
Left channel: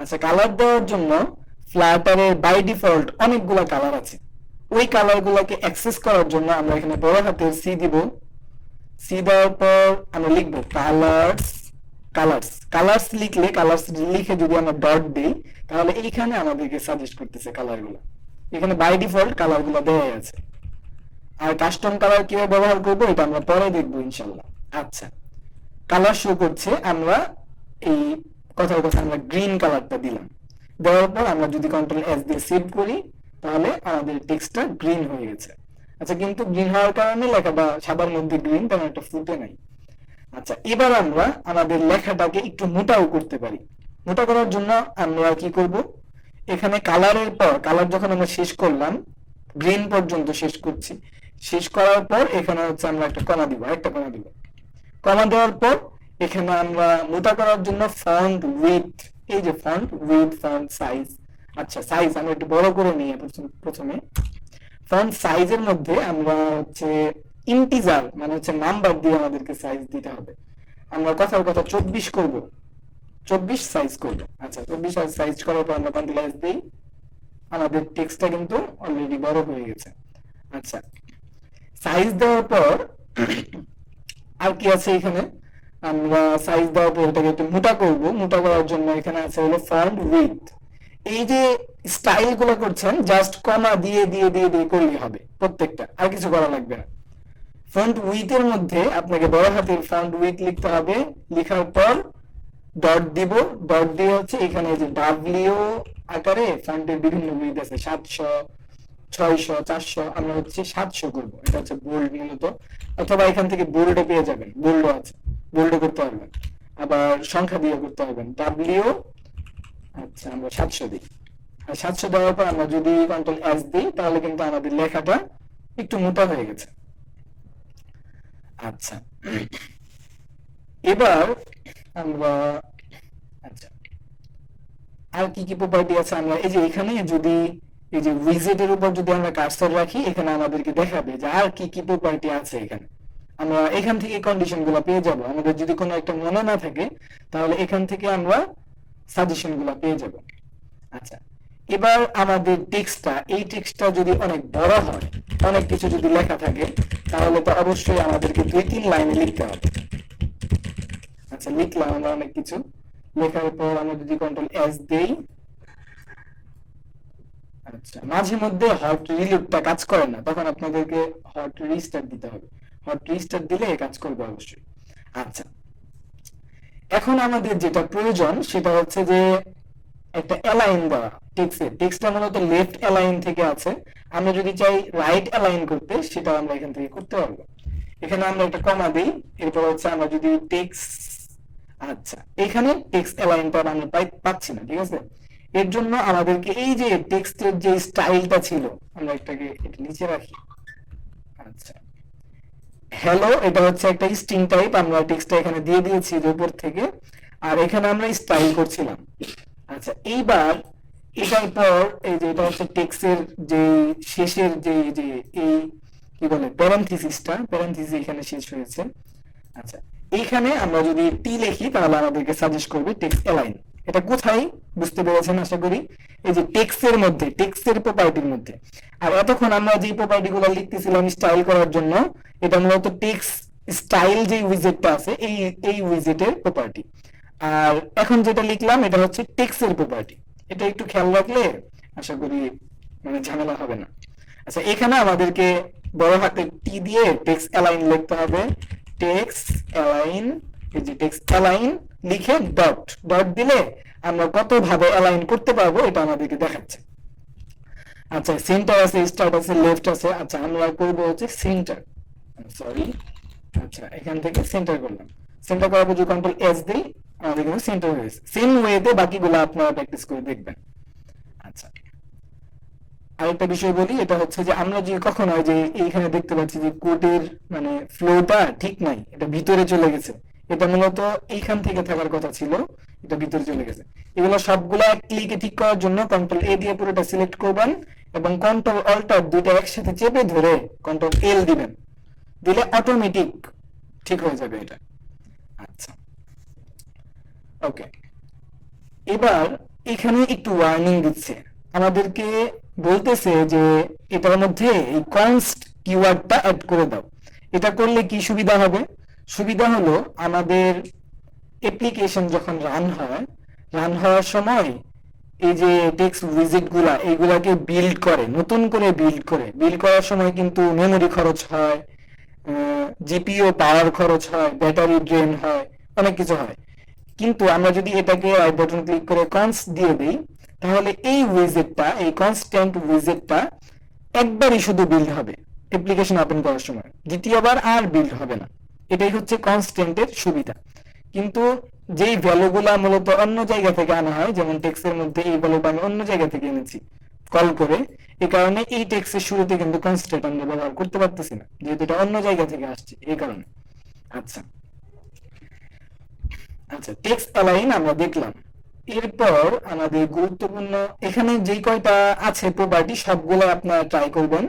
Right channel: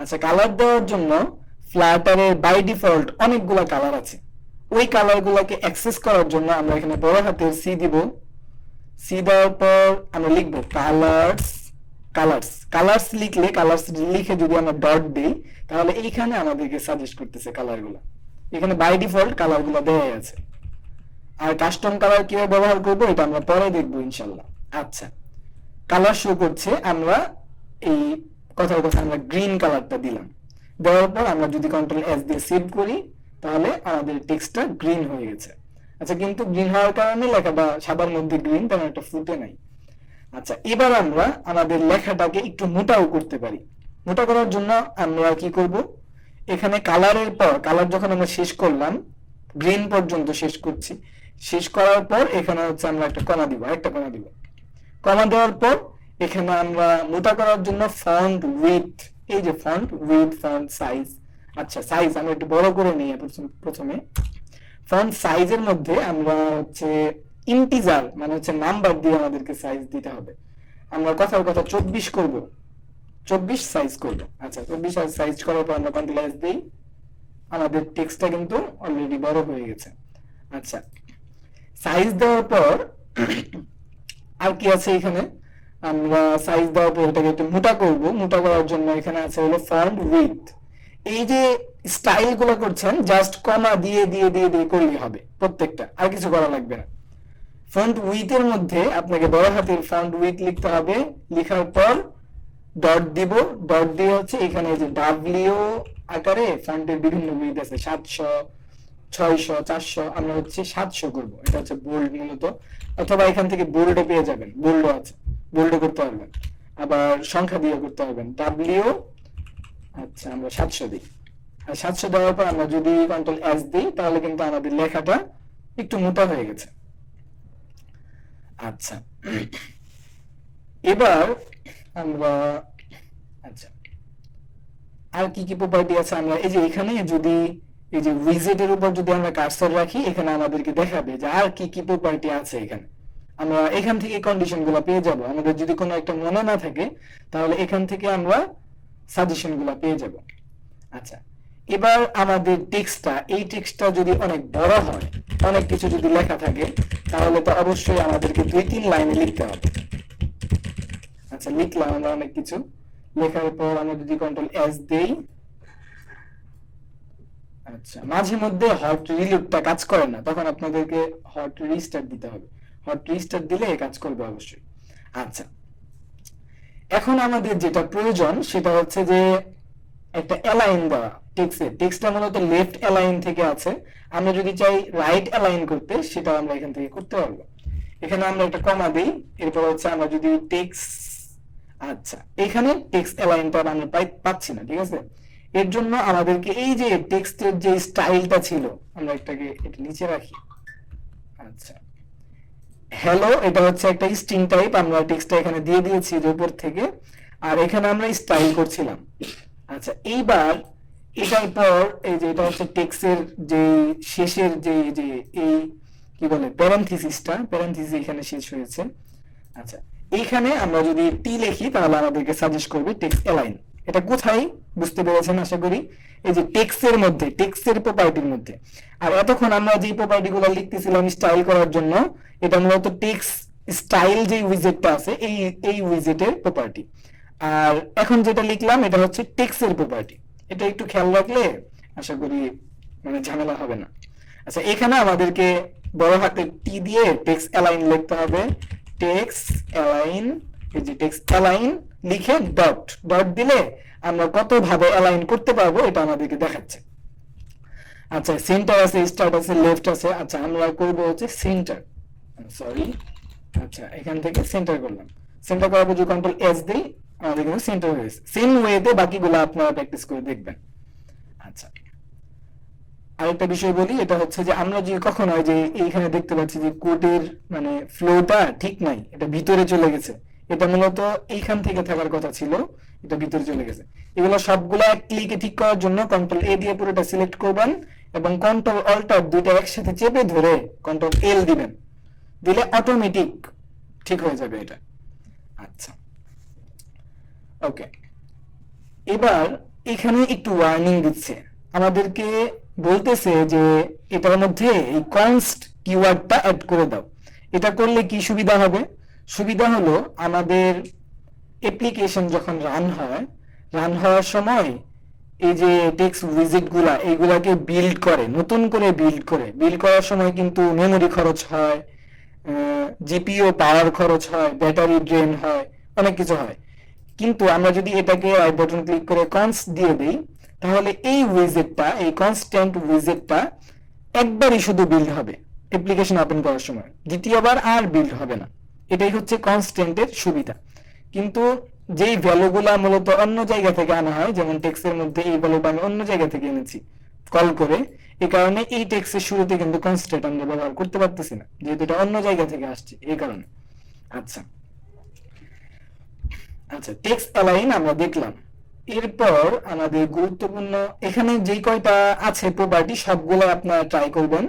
আচ্ছা, কালার দেওয়ার জন্য ফ্লাটারের বাই ডিফল্ট অনেকগুলো কালার আছে। ওই কালার গুলাকে অ্যাক্সেস করার জন্য আমরা এখানে বড় হাতের সি দিব। সি দেওয়ার পর আমরা লিখবো কালার্স। কালার্স লিখলে, কালার্স লিখে যদি আমরা ডট দিই, তাহলে এইখানে আমাদেরকে সাজেস্ট করতেছে কালার গুলো। এখানে বাই ডিফল্ট কালার গুলো দেওয়া আছে। আর কাস্টম কালার কিভাবে ব্যবহার করবো এটা আমরা পরে দেখবো ইনশাল্লাহ। আচ্ছা, কালার শো করছে, আমরা এই কথার কথা আমরা গ্রিন কালারটা দিলাম। দেওয়ার পর আমরা যদি কন্ট্রোল এস দিয়ে সেভ করি, তাহলে আমাদের টেক্সটটা গ্রিন হয়ে গেছে। আচ্ছা, কিন্তু গ্রিন হওয়ার কারণে লেখাটা সাদার মধ্যে গ্রিন, তেমন একটা ফুটে নাই। আচ্ছা, এবার আমরা আমাদের লেখাটাকে একটু মোটাও করতে পারি। মোটা করার জন্য আমরা কি করব, এখানে কালারের পর, কালার যখন আমরা শেষ করলাম, গ্রিন পর্যন্ত শেষ করছি, শেষ করার পর এখানে হচ্ছে আমরা একটা কমা দিব, একটা কমা দিব। কমা দেওয়ার পর এখানে আমরা মোটা করার জন্য ফন্ট উইথ, এই যে ফন্ট উইথ, ফন্ট সাইজ। আচ্ছা, সাইজ আমরা একটু বড় করে নিয়ে প্রথমে ফন্ট সাইজের মধ্যে আমরা হচ্ছে ইন্টিজার, মানে হচ্ছে নাম্বার দিয়ে আমাদেরকে সাইজ দিতে হবে। আমরা কথার কথা 24 করব, 24 সাইজ করব। আচ্ছা, 24 সাইজ করার পর আমরা কন্ট্রোল এস দিই, আমাদের টেক্সটটা কিন্তু অলরেডি বড় হয়ে গেছে। আচ্ছা, সাইজ দেওয়ার পর আর কি আছে এখানে, আমরা সাইজ দেওয়ার পর এটাকে একটু মোটা করব। মোটা করার জন্য এখানে আছে হলো ফন্ট উইথ। এই যে স্টাইল গুলো করছেন জাস্ট কমা দিয়ে দিয়ে দিয়ে দিয়ে করলেই হবে প্রত্যেকটা, আর কিছু করা লাগবে না। ফন্ট উইথ এর মধ্যে আপনাকে বড় হাতের ফন্ট উইথ লিখতে হবে, লেখার পর ডট দিব, ডট দিয়ে হচ্ছে এখানে যে ডাব্লিউ আকারে ফন্টের বিভিন্ন উইথ আছে 700, 600, 400, আমরা হচ্ছে 700 করবো, এটা হচ্ছে বোল্ড মূলত, অথবা এখান থেকে বোল্ডও পেয়ে যাবেন, বোল্ডও আছে, বোল্ডও করতে পারবেন, আবার সংখ্যা দিয়ে করতে পারবেন ডাব্লিউ। আচ্ছা আমরা 700 দিই, আর 700 দেওয়ার পর আমরা যদি কন্ট্রোল এস দিই তাহলে কিন্তু আমাদের লেখাটা একটু মোটা হয়ে গেছে। আচ্ছা এবার আমরা, আচ্ছা আর কি কি প্রপার্টি আছে, আমরা এই যে এখানে যদি এই যে উইজেটের উপর যদি আমরা কার্সর রাখি, এখানে আমাদেরকে দেখাবে যে আর কি কি প্রপার্টি আছে এখানে। আমরা এখান থেকে কন্ডিশন গুলো পেয়ে যাব, আমাদের যদি কোনো একটা মনে না থাকে তাহলে এখান থেকে আমরা সাজেশন গুলো পেয়ে যাব। আচ্ছা এবার আমাদের টেক্সটটা, এই টেক্সটটা যদি অনেক বড় হয়, অনেক কিছু যদি লেখা থাকে, তাহলে তো অবশ্যই আমাদেরকে 2-3 লাইনে লিখতে হবে। আচ্ছা লিখলাম আমরা অনেক কিছু, লেখার পর আমরা যদি কন্ট্রোল এস দেই, আচ্ছা মাঝে মধ্যে হট রিলোডটা কাজ করে না, তখন আপনাদেরকে হট রিস্টার্ট দিতে হবে, হট রিস্টার্ট দিলে কাজ করবে অবশ্যই। আচ্ছা এখন আমাদের যেটা প্রয়োজন সেটা হচ্ছে যে একটা অ্যালাইন দেওয়া টেক্সটে, টেক্সটটা মূলত লেফট অ্যালাইন থেকে আছে, আমরা যদি চাই রাইট অ্যালাইন করতে সেটা আমরা এখান থেকে করতে পারবো। এখানে আমরা একটা কমা দিই, এরপর হচ্ছে আমরা যদি টেক্সট, আচ্ছা এখানে টেক্সট অ্যালাইনটা আমরা পাচ্ছি না, ঠিক আছে, এর জন্য আমাদেরকে এই যে টেক্সটের যে স্টাইলটা ছিল, আমরা এটাকে এটা নিচে রাখি। আচ্ছা হ্যালো, এটা হচ্ছে একটা স্ট্রিং টাইপ, আমরা টেক্সটটা এখানে দিয়ে দিয়েছি যে উপর থেকে, আর এখানে আমরা স্টাইল করছিলাম। আচ্ছা এইবার এটার পর এই যে এটা হচ্ছে টেক্সটের যে শেষের যে যে এই কি বলে প্যারেনথিসিসটা, প্যারেনথিসিস এখানে শেষ হয়েছে। আচ্ছা এইখানে আমরা যদি টি লিখি তাহলে আমাদেরকে সাজেস্ট করবে টেক্সট অ্যালাইন। এটা কোথায় বুঝতে পেরেছেন আশা করি, এই যে টেক্সটের মধ্যে, টেক্সটের প্রপার্টির মধ্যে। আর এতক্ষণ আমরা যে প্রপার্টি গুলো লিখতেছিলাম স্টাইল করার জন্য, এটা মূলত টেক্সট স্টাইল যে উইজেটটা আছে এই এই উইজেটের প্রপার্টি। আর এখন যেটা লিখলাম এটা হচ্ছে টেক্সটের প্রপার্টি, এটা একটু খেয়াল রাখলে আশা করি মানে ঝামেলা হবে না। আচ্ছা এখানে আমাদেরকে বড় হাতের টি দিয়ে টেক্সট অ্যালাইন লিখতে হবে, টেক্সট অ্যালাইন, এই যে টেক্সট অ্যালাইন লিখে ডট, ডট দিলে আমরা কত ভাবে অ্যালাইন করতে পারবো এটা আমাদেরকে দেখাচ্ছে। আচ্ছা সেন্টার আছে, স্টার্ট আছে, লেফট আছে, আচ্ছা আমরা করব হচ্ছে সেন্টার, সরি, আচ্ছা এখান থেকে সেন্টার করলাম, সেন্টার করার পর যদি কন্ট্রোল এস দিই আমাদের কিন্তু সেন্টার হয়েছে। সেম ওয়েতে বাকিগুলো আপনারা প্র্যাকটিস করে দেখবেন। আচ্ছা আরেকটা বিষয় বলি, এটা হচ্ছে যে আমরা যে কখন হয় যে এইখানে দেখতে পাচ্ছি যে কোডের মানে ফ্লোটা ঠিক নাই, এটা ভিতরে চলে গেছে, এটা মূলত এইখান থেকে থাকার কথা ছিল, এটা ভিতরে চলে গেছে। এগুলো সবগুলো এক ক্লিকে ঠিক করার জন্য কন্ট্রোল এ দিয়ে পুরোটা সিলেক্ট করবেন এবং কন্ট্রোল অল্টার দুইটা একসাথে চেপে ধরে কন্ট্রোল এল দিবেন, দিলে অটোমেটিক ঠিক হয়ে যাবে এটা। আচ্ছা ওকে এবার এখানে একটু ওয়ার্নিং দিচ্ছে, আমাদেরকে বলতেছে যে এটার মধ্যে এই কনস্ট কিওয়ার্ডটা অ্যাড করে দাও। এটা করলে কি সুবিধা হবে, সুবিধা হলো আমাদের অ্যাপ্লিকেশন যখন রান হয়, রান হওয়ার সময় এই যে টেক্সট উইজেট গুলা এইগুলাকে বিল্ড করে, নতুন করে বিল্ড করার সময় কিন্তু মেমোরি খরচ হয়, জিপিইউ পাওয়ার খরচ হয়, ব্যাটারি ড্রেন হয়, অনেক কিছু হয়। কিন্তু আমরা যদি এটাকে রাইট বাটন ক্লিক করে কনস্ট দিয়ে দিই তাহলে এই উইজেটটা, এই কনস্ট্যান্ট উইজেটটা একবারই শুধু বিল্ড হবে অ্যাপ্লিকেশন ওপেন করার সময়, দ্বিতীয়বার আর বিল্ড হবে না। এটাই হচ্ছে কনস্ট্যান্টের সুবিধা। কিন্তু যেই ভ্যালুগুলা মূলত অন্য জায়গা থেকে আনা হয়, যেমন টেক্সটের মধ্যে এই ভ্যালুটা আমি অন্য জায়গা থেকে এনেছি কল করে, এই কারণে এই টেক্সটের শুরুতে কিন্তু কনস্ট্যান্ট আমরা ব্যবহার করতে পারতেছি না, যেহেতু এটা অন্য জায়গা থেকে আসছে এই কারণে। আচ্ছা আচ্ছা টেক্সট অ্যালাইন আমরা দেখলাম, এরপর আমাদের গুরুত্বপূর্ণ এখানে যে কয়টা আছে প্রপার্টি সবগুলো আপনারা ট্রাই করবেন,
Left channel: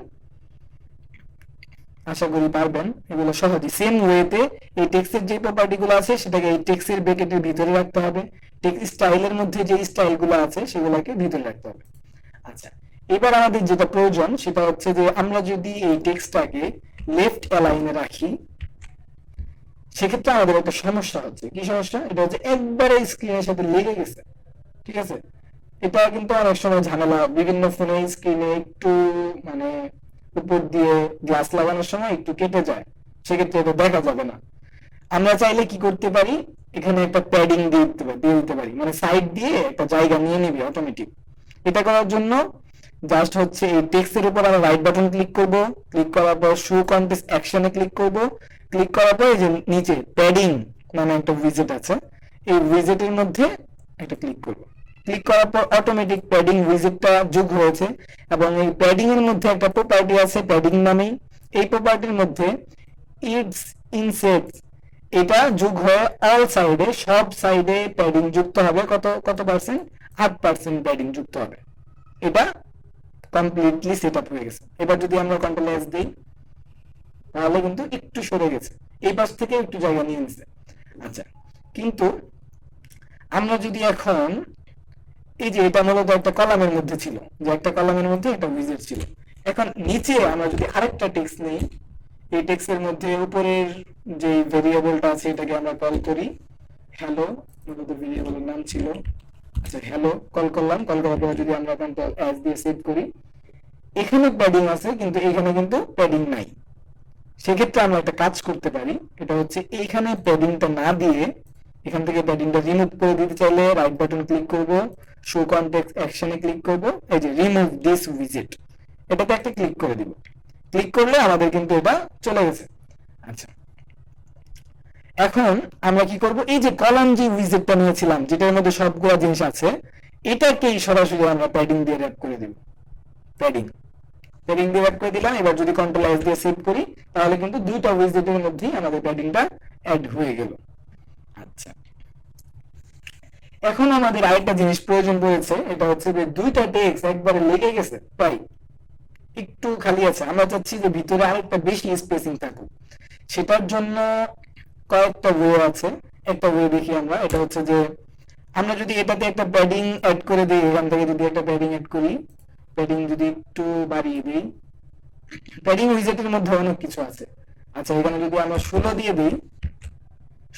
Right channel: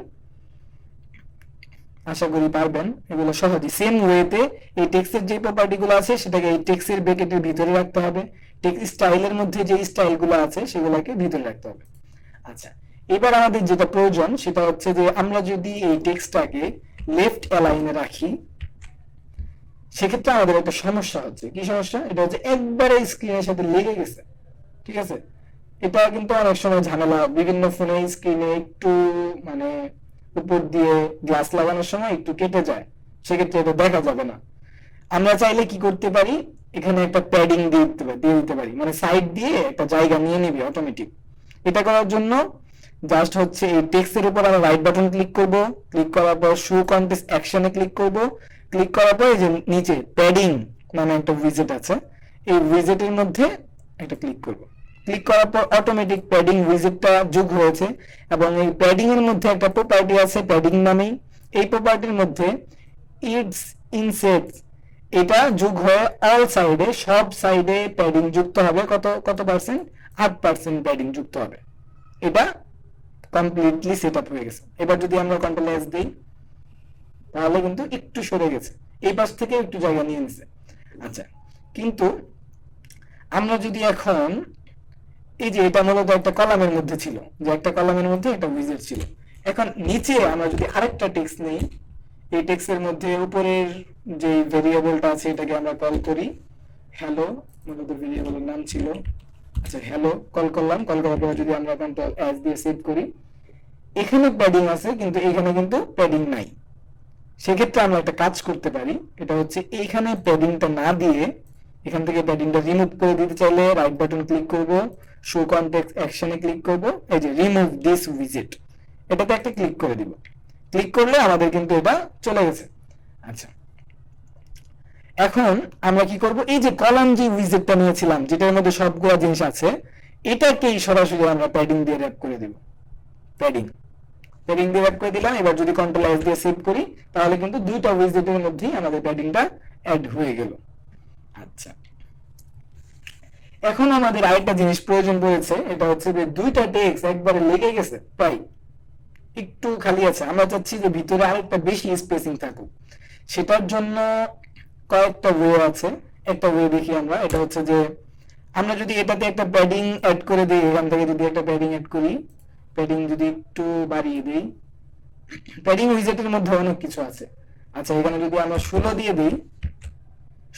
আশা করি পারবেন এগুলো সহজে। সেম ওয়েতে এই টেক্সটের যে প্রপার্টি গুলো আছে সেটাকে এই টেক্সটের ব্র্যাকেটের ভিতরে রাখতে হবে, টেক্সট স্টাইলের মধ্যে যে স্টাইল গুলো আছে সেগুলোকে ভিতরে রাখতে হবে। আচ্ছা এবার আমাদের যেটা প্রয়োজন সেটা হচ্ছে যে আমরা যদি এই টেক্সটটাকে লেফট অ্যালাইনে রাখি সেক্ষেত্রে আমাদের একটা সমস্যা হচ্ছে, কি সমস্যা, এটা হচ্ছে একবারে স্ক্রিনের সাথে লেগে গেছে, ঠিক আছে, এটা কিন্তু অনেক সময় ঝামেলা হয়। বিভিন্ন ফোনে স্ক্রিনে একটু মানে উপর দিয়ে গ্লাস লাগানোর সময় একটু কেটে যায়, সেক্ষেত্রে এটা দেখা যাবে না। আমরা চাইলে কি করতে পারি, এখানে একটা প্যাডিং দিয়ে দিতে পারি, মানে সাইড দিয়ে একটা জায়গা নিয়ে নিবে অটোমেটিক। এটা করার জন্য জাস্ট হচ্ছে এই টেক্সটের উপর আমরা রাইট বাটন ক্লিক করব, ক্লিক করার পর শো কন্টেক্সট অ্যাকশনে ক্লিক করব, ক্লিক করার পর এই যে নিচে প্যাডিং মানে একটা উইজেট আছে, এই উইজেটের মধ্যে একটা ক্লিক করব। ক্লিক করার পর অটোমেটিক প্যাডিং উইজেটটা যোগ হয়েছে, এবং এই প্যাডিং এর মধ্যে একটা প্রপার্টি আছে প্যাডিং নামেই। এই প্রপার্টির মধ্যে ইটস ইনসেটস এটা যোগ হয়ে অল সাইডে, সব সাইডে প্যাডিং যুক্ত হবে। কত কত পার্সেন্ট? 8% প্যাডিং যুক্ত হবে। এটা কমপ্লিটলি সেট আপ হয়ে গেছে। এবার যদি আমরা কন্ট্রোল এস দিই, তাহলে কিন্তু একটু সরে গেছে, এই পাশ থেকে একটু জায়গা নিয়ে নিছে। আচ্ছা, কিন্তু আমরা যদি এখন এই যে এটা মূলত একটা কলামের মধ্যে ছিল, যে একটা কলামের মধ্যে একটা উইজেট ছিল, এখন নিচে আমরা যদি আরেকটা টেক্সট নেই, এই টেক্সটের মধ্যে উপরের যে ভেরিয়েবলটা আছে এটাকে আমরা কল করি হ্যালো, মূলত ভেরিয়েবলের নাম ছিল। আচ্ছা, হ্যালো কল করলাম, কল করার পর যদি আমরা কন্ট্রোল এস দিয়ে সেভ করি, এখানে প্যাডিং আছে কিন্তু এখানে কিন্তু প্যাডিং নাই। সেক্ষেত্রে আমরা একটা কাজ করতে পারি, এটা হচ্ছে এইখানে প্যাডিংটা না দিয়ে এখান থেকে প্যাডিংটা রিমুভ করে দিতে চাইলে রাইট বাটন ক্লিক করব, শো কনটেক্সট অ্যাকশনে ক্লিক করব, এই যে রিমুভ দিস উইজেট, এটাতে একটা ক্লিক করে দিব। ক্লিক করলে আমাদের কিন্তু এটা চলে গেছে। আচ্ছা, এখন আমরা কি করব, এই যে কলাম যে উইজেটটা নিয়েছিলাম যেটার মধ্যে সবগুলো জিনিস আছে, এটাকেই সরাসরি আমরা প্যাডিং দিয়ে র‍্যাপ করে দিব। প্যাডিং প্যাডিং দিয়ে র‍্যাপ করে দিলাম। এবার যদি কন্ট্রোল এস দিয়ে সেভ করি, তাহলে কিন্তু দুইটা উইজেটের মধ্যেই আমাদের প্যাডিংটা অ্যাড হয়ে গেল। আচ্ছা, এখন আমাদের আরেকটা জিনিস প্রয়োজন রয়েছে, এটা হচ্ছে যে দুইটা টেক্সট একবারে লেগে গেছে, প্রায় একটু খালি আছে, আমরা চাচ্ছি যে ভিতরে আরেকটা বেশি স্পেসিং থাকুক। সেটার জন্য কয়েকটা ওয়ে আছে। একটা ওয়ে দেখি আমরা, এটা হচ্ছে যে আমরা যদি এটাতে একটা প্যাডিং অ্যাড করে দিই, এখান থেকে যদি একটা প্যাডিং অ্যাড করি, প্যাডিং যদি একটু বাড়িয়ে দিই, প্যাডিং উইজেটের মধ্যে অনেক কিছু আছে। আচ্ছা, এখানে যদি আমরা 16 দিয়ে দিই,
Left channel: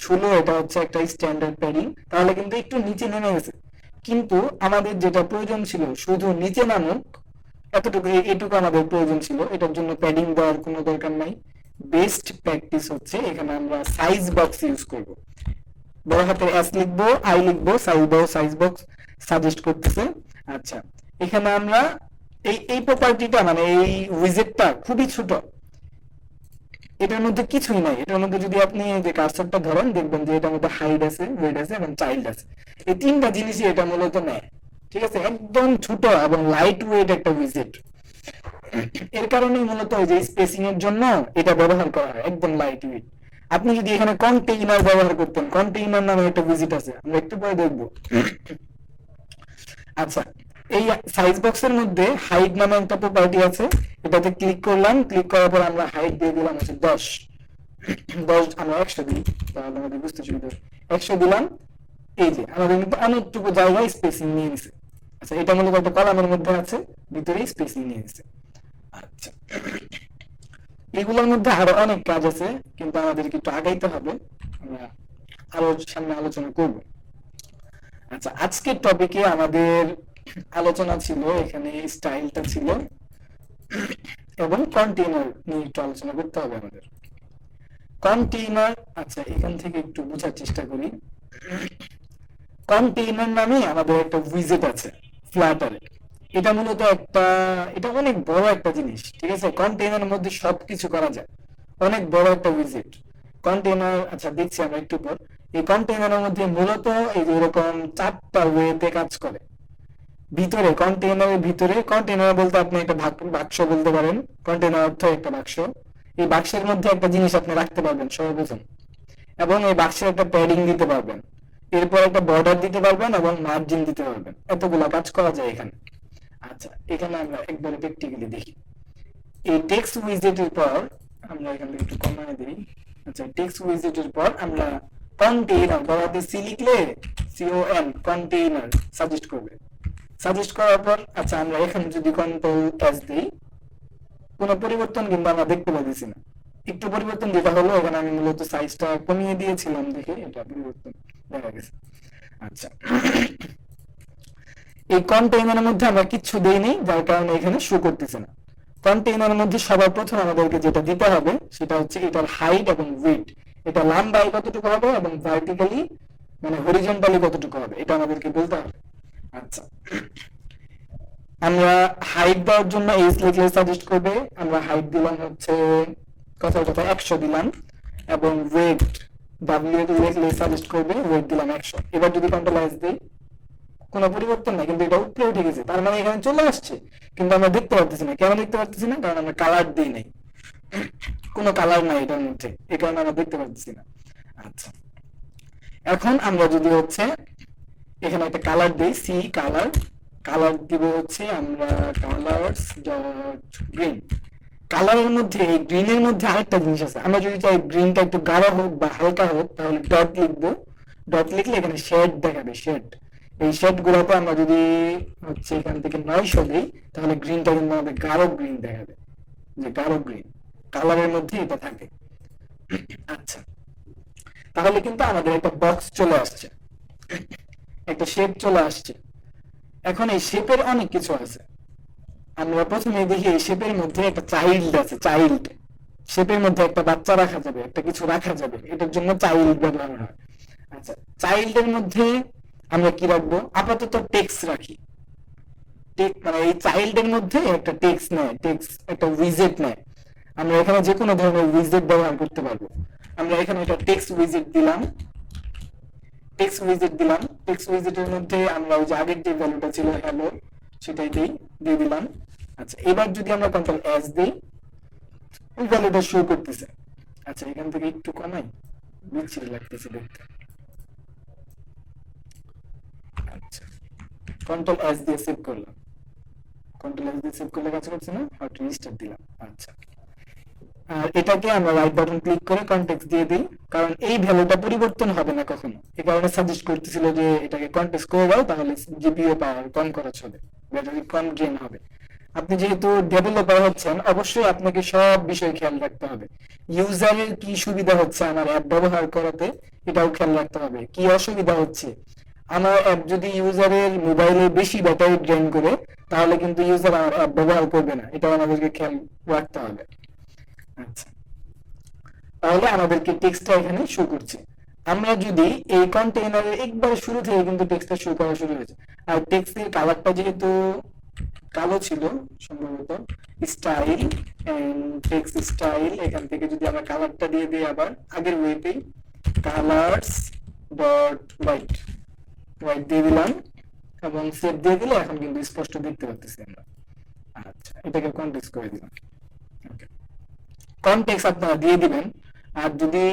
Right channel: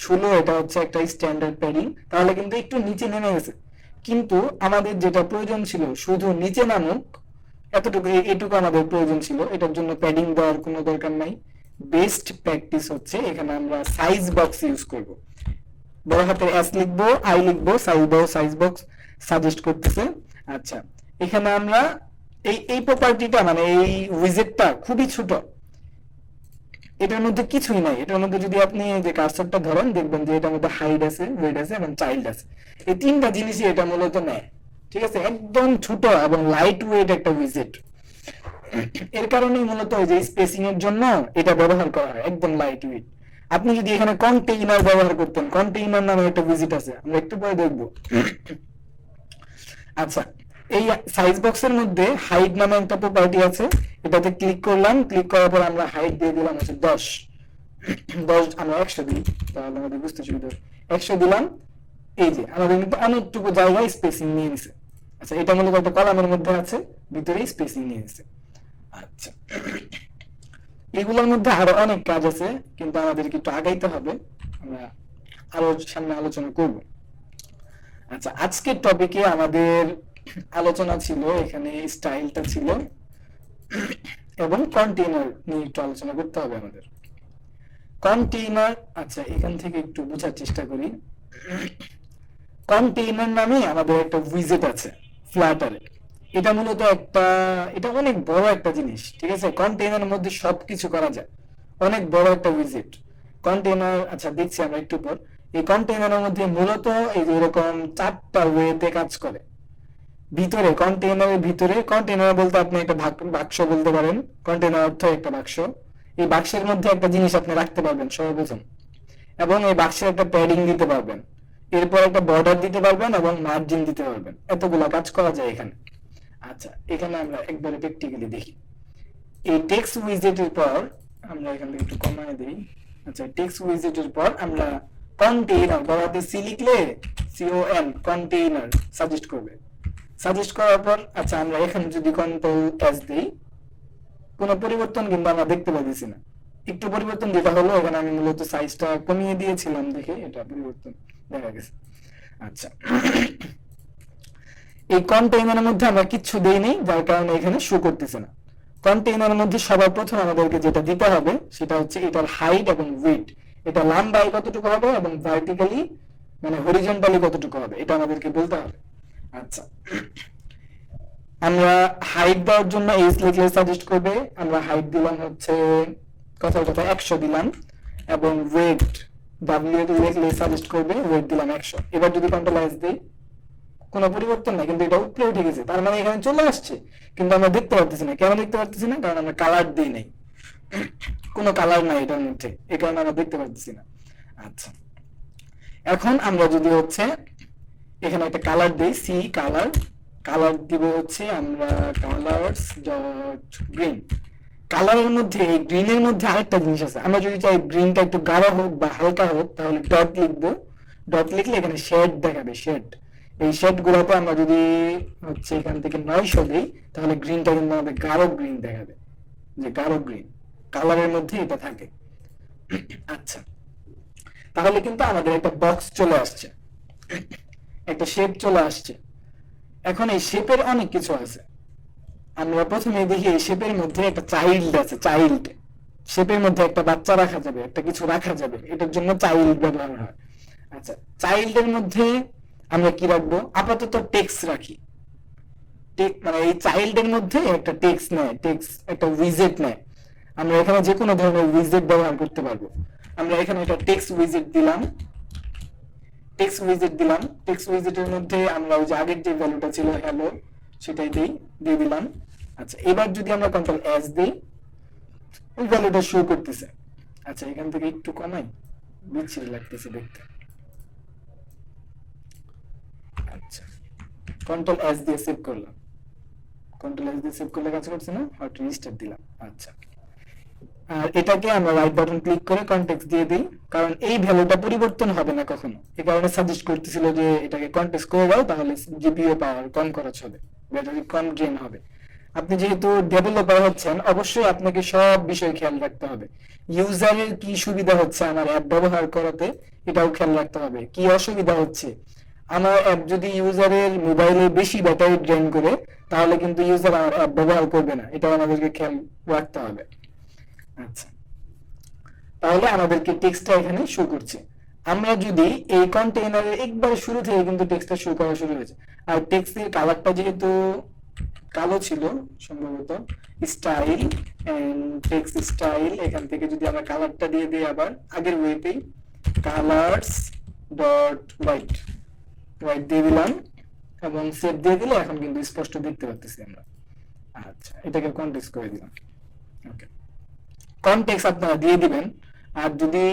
16 এটা হচ্ছে একটা স্ট্যান্ডার্ড প্যাডিং, তাহলে কিন্তু একটু নিচে নেমে গেছে। কিন্তু আমাদের যেটা প্রয়োজন ছিল শুধু নিচে নামুক, এতটুকু এটুকু আমাদের প্রয়োজন ছিল, এটার জন্য প্যাডিং দেওয়ার কোনো দরকার নাই। বেস্ট প্র্যাকটিস হচ্ছে এখানে আমরা সাইজ বক্স ইউজ করব। বড় হাতের এস লিখবো, আই লিখবো, সাইজ বক্স সাজেস্ট করতেছে। আচ্ছা, এখানে আমরা এই প্রপার্টিটা মানে এই উইজেটটা খুবই ছোট, এটার মধ্যে কিছুই নাই। এটার মধ্যে যদি আপনি যে কার্সরটা ধরেন, দেখবেন যে এটার মধ্যে হাইড আছে, ওয়েট আছে এবং চাইল্ড আছে। এই তিনটা জিনিসই এটা মূলত নেয়। ঠিক আছে, একদম ছোট এবং লাইট ওয়েট একটা উইজেট। এর কারণে মূলত ওই যে স্পেসিং এর জন্য এটা ব্যবহার করা হয়, একদম লাইট ওয়েট। আপনি যদি এখানে কন্টেইনার ব্যবহার করতেন, কন্টেইনার নামে একটা উইজেট আছে, আমরা একটু পরে দেখবো। আচ্ছা, এই সাইজ বক্সের মধ্যে হাইট নামে একটা প্রপার্টি আছে, এটাতে ক্লিক করলাম, ক্লিক করার পর আমরা হাইট দিয়ে দিলাম হচ্ছে 10, আমরা 100 দিই, তাহলে আমাদের বুঝতে সুবিধা হবে। 100 দিলাম, এই যে আমাদের কিন্তু অনেকটুকু জায়গায় স্পেসিং নিয়ে নিছে। আচ্ছা, এটা মূলত একটা কলামের মধ্যে আছে, ভিতরে স্পেসিং নিয়ে নিছে। আচ্ছা, এগুলোর মধ্যে আরো অনেক কাজ আছে, কিন্তু আমাদের কিন্তু আগাইতে হবে, আমরা আরো সামনে আলোচনা করব। আচ্ছা, আজকের টপিকে আমাদের আলোচনা ছিল, এখানে স্টাইলটা ছিল এবং কন্টেইনার নিয়ে একটু আলোচনা করতে হবে আমাদের। কন্টেইনার, আচ্ছা এখান থেকে একটু বোঝার চেষ্টা করি। কন্টেইনার নামে আমাদের একটা উইজেট আছে ফ্লাটারে। এটা মূলত এটা অনেক বড় একটা জিনিস। ঠিক আছে, কন্টেইনারের মধ্যে সবকিছু করা যায়, অনেক বড় একটা উইজেট কন্টেইনার। আচ্ছা, দেখছি আমরা একটু পর। এই কন্টেইনারের মধ্যে মূলত এই যে এরকম 4টা ওয়েতে কাজ করে। ভিতরে কন্টেইনারের ভিতরে, কন্টেইনার বলতে আপনি একটা বাক্স বলতে পারেন, কন্টেইনার অর্থ একটা বাক্স। এই বাক্সের মধ্যে একটা জিনিস আপনি রাখতে পারবেন সর্বপ্রথম, এবং এই বাক্সে একটা প্যাডিং দিতে পারবেন, এরপর একটা বর্ডার দিতে পারবেন এবং মার্জিন দিতে পারবেন। এতগুলা কাজ করা যায় এখানে। আচ্ছা, এখানে আমরা একবারে প্র্যাকটিক্যালি দেখি। এই টেক্সট উইজেটের পর আমরা এখান থেকে একটু কমায় দিই। আচ্ছা, টেক্সট উইজেটের পর আমরা কন্টেইনার, বড়তে সি লিখলে CON কন্টেইনার সাজেস্ট করবে। সাজেস্ট করার পর আচ্ছা, আমরা এখানে যদি কন্ট্রোল এস দিই, কোনো পরিবর্তন কিন্তু আমরা দেখতে পাচ্ছি না। একটু পরিবর্তন যেটা হলো, এখানে আমি মূলত সাইজটা কমিয়ে দিয়েছিলাম দেখে এটা পরিবর্তন দেখা গেছে। আচ্ছা, এই কন্টেইনারের মধ্যে আমরা কিচ্ছু দেইনি, যার কারণে এখানে শো করতেছে না। কন্টেইনারের মধ্যে সবার প্রথম আমাদেরকে যেটা দিতে হবে সেটা হচ্ছে এটার হাইট এবং উইডথ, এটা লম্বায় কতটুকু হবে এবং ভার্টিক্যালি মানে হরিজন্টালি কতটুকু হবে, এটা আমাদেরকে বলতে হবে। আচ্ছা, আমরা হাইট দেওয়ার জন্য এইচ লিখলে সাজেস্ট করবে, আমরা হাইট দিলাম হচ্ছে কথার কথা 100 দিলাম, এবং ওয়েট ডাব্লিউ লিখলে সাজেস্ট করবে, ওয়েট দিলাম 100। এবার যদি কন্ট্রোল এস দিই কোনো পরিবর্তন নাই, কিন্তু এটা উপরে উঠে গেছে, তার মানে এখানে চলে আসছে, কিন্তু আমরা দেখতে পারতেছি না। কেন দেখতে পারতেছি না? কারণ আমরা কালার দিই নাই, কোনো কালার নাই এটার মধ্যে, এই কারণে আমরা দেখতে পারতেছি না। আচ্ছা, এখন আমরা যদি হচ্ছে এখানে একটা কালার দিই, সি কালার, কালার দিব হচ্ছে আমরা কালারস ডট গ্রিন। কালারের মধ্যে এই গ্রিনের মধ্যে আরেকটা জিনিস আছে, আমরা যদি চাই গ্রিনটা একটু গাঢ় হোক বা হালকা হোক তাহলে ডট লিখবো। ডট লিখলে এখানে শেড দেখাবে, শেড। এই শেড গুলোতে আমরা যদি হচ্ছে এখান থেকে 900 দিই তাহলে গ্রিনটা কিন্তু আমাদের গাঢ় গ্রিন দেখাবে, যে গাঢ় গ্রিন কালারের মধ্যে এটা থাকে। আচ্ছা, তাহলে কিন্তু আমাদের একটা বক্স চলে আসছে, একটা শেপ চলে আসছে। এখন এই শেপের অনেক কিছু আছে, আমরা প্রথমে দেখি এই শেপের মধ্যে একটা চাইল্ড আছে, চাইল্ড শেপের মধ্যে একটা বাচ্চা রাখা যাবে, একটা কিছু রাখা যাবে, এটার জন্য চাইল্ড ব্যবহার হয়। আচ্ছা, চাইল্ডের মধ্যে আমরা কি রাখবো? আপাতত টেক্সট রাখি, মানে এই চাইল্ডের মধ্যে একটা টেক্সট নেয়, টেক্সট একটা উইজেট নেয়। আমরা এখানে যে কোনো ধরনের উইজেট ব্যবহার করতে পারবো। আমরা এখানে একটা টেক্সট উইজেট দিলাম, টেক্সট উইজেট দিলাম। টেক্সট উইজেটের মধ্যে আমরা ওই যে আগের যে ভ্যালুটা ছিল হ্যালো সেটাই দিয়ে দিলাম। আচ্ছা, এবার যদি আমরা কন্ট্রোল এস দিই ওই ভ্যালুটা শো করতেছে। আচ্ছা, এখান থেকে একটু কমাই, বিচ্ছিরি লাগতেছে দেখতে। আচ্ছা, কন্ট্রোল এস দিয়ে সেভ করলাম, কন্ট্রোল এস দিয়ে সেভ করলে কাজ করছে না, হয়তো রিস্টার্ট দিলাম। আচ্ছা, আর এটাকে আমরা রাইট বাটন ক্লিক করে কনটেক্সট দিয়ে দিই, কারণ এই ভ্যালুটা পরিবর্তন হবে না কখনো। এই কারণে সাজেস্ট করতেছিল যে এটাকে কনটেক্সট করে দাও, তাহলে জিপিইউ পাওয়ার কম খরচ হবে, ব্যাটারি কম ড্রেন হবে। আপনি যেহেতু ডেভেলপার হচ্ছেন অবশ্যই আপনাকে সব বিষয় খেয়াল রাখতে হবে। ইউজারের কি সুবিধা হচ্ছে আমার অ্যাপ ব্যবহার করাতে এটাও খেয়াল রাখতে হবে, কি অসুবিধা হচ্ছে। আমার অ্যাপ যদি ইউজারের মোবাইলে বেশি ব্যাটারি ড্রেন করে তাহলে কিন্তু ইউজার আমার অ্যাপ ব্যবহার করবে না, এটাও আমাদেরকে খেয়াল রাখতে হবে। আচ্ছা, তাহলে আমাদেরকে টেক্সটটা এখানে শো করছে। আমরা যদি এই কন্টেইনারের একবারে শুরু থেকে কিন্তু টেক্সটটা শো করা শুরু হয়েছে, আর টেক্সটের কালারটা যেহেতু কালো ছিল সম্ভবত, স্টাইল এন্ড টেক্সট স্টাইল, এখান থেকে যদি আমরা কালারটা দিয়ে দিই আবার আগের ওয়েতেই কালারস ডট হোয়াইট, হোয়াইট দিয়ে দিলাম এবং সেভ দিয়ে দিলে এখন কিন্তু স্পষ্ট দেখতে পাচ্ছি আমরা। আচ্ছা, এটাকে কনটেক্সট করে দিলাম। ওকে, কনটেক্সট আপনারা দিয়ে দিবেন। আর যদি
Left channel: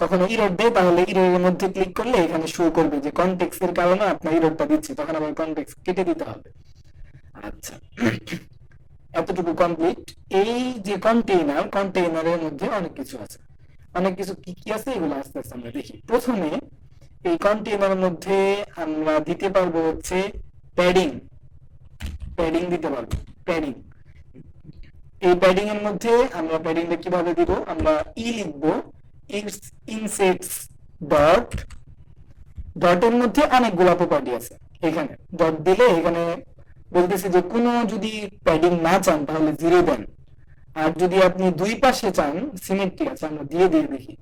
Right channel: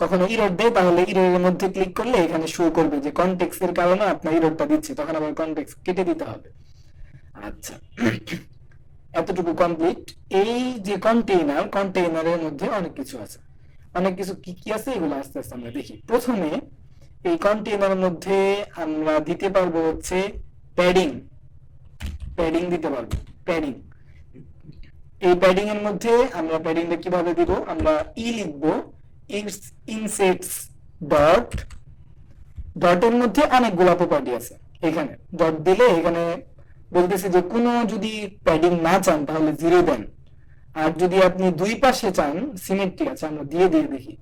কখনো ইরর দেয় তাহলে ইররের মধ্যে ক্লিক করলে এখানে শো করবে যে কনটেক্সটের কারণে আপনার ইররটা দিচ্ছে, তখন আবার কনটেক্সট কেটে দিতে হবে। আচ্ছা, এতটুকু কমপ্লিট। এই যে কন্টেইনার, কন্টেইনারের মধ্যে অনেক কিছু আছে, অনেক কিছু কি কি আছে এগুলো আস্তে আস্তে আমরা দেখি। প্রথমে এই কন্টেইনারের মধ্যে আমরা দিতে পারবো হচ্ছে প্যাডিং, প্যাডিং দিতে পারবো, প্যাডিং। এই প্যাডিং এর মধ্যে আমরা প্যাডিংটা কিভাবে দিব? আমরা লিখবো ইনসেটস ডট, ডটের মধ্যে অনেকগুলো প্রপার্টি আছে। এখানে ডট দিলে এখানে বলতেছে যে কোনো যদি প্যাডিং না চান তাহলে 0 দেন, আর যদি আপনি দুই পাশে চান সিমেট্রি আছে, আমরা দিয়ে দেখি।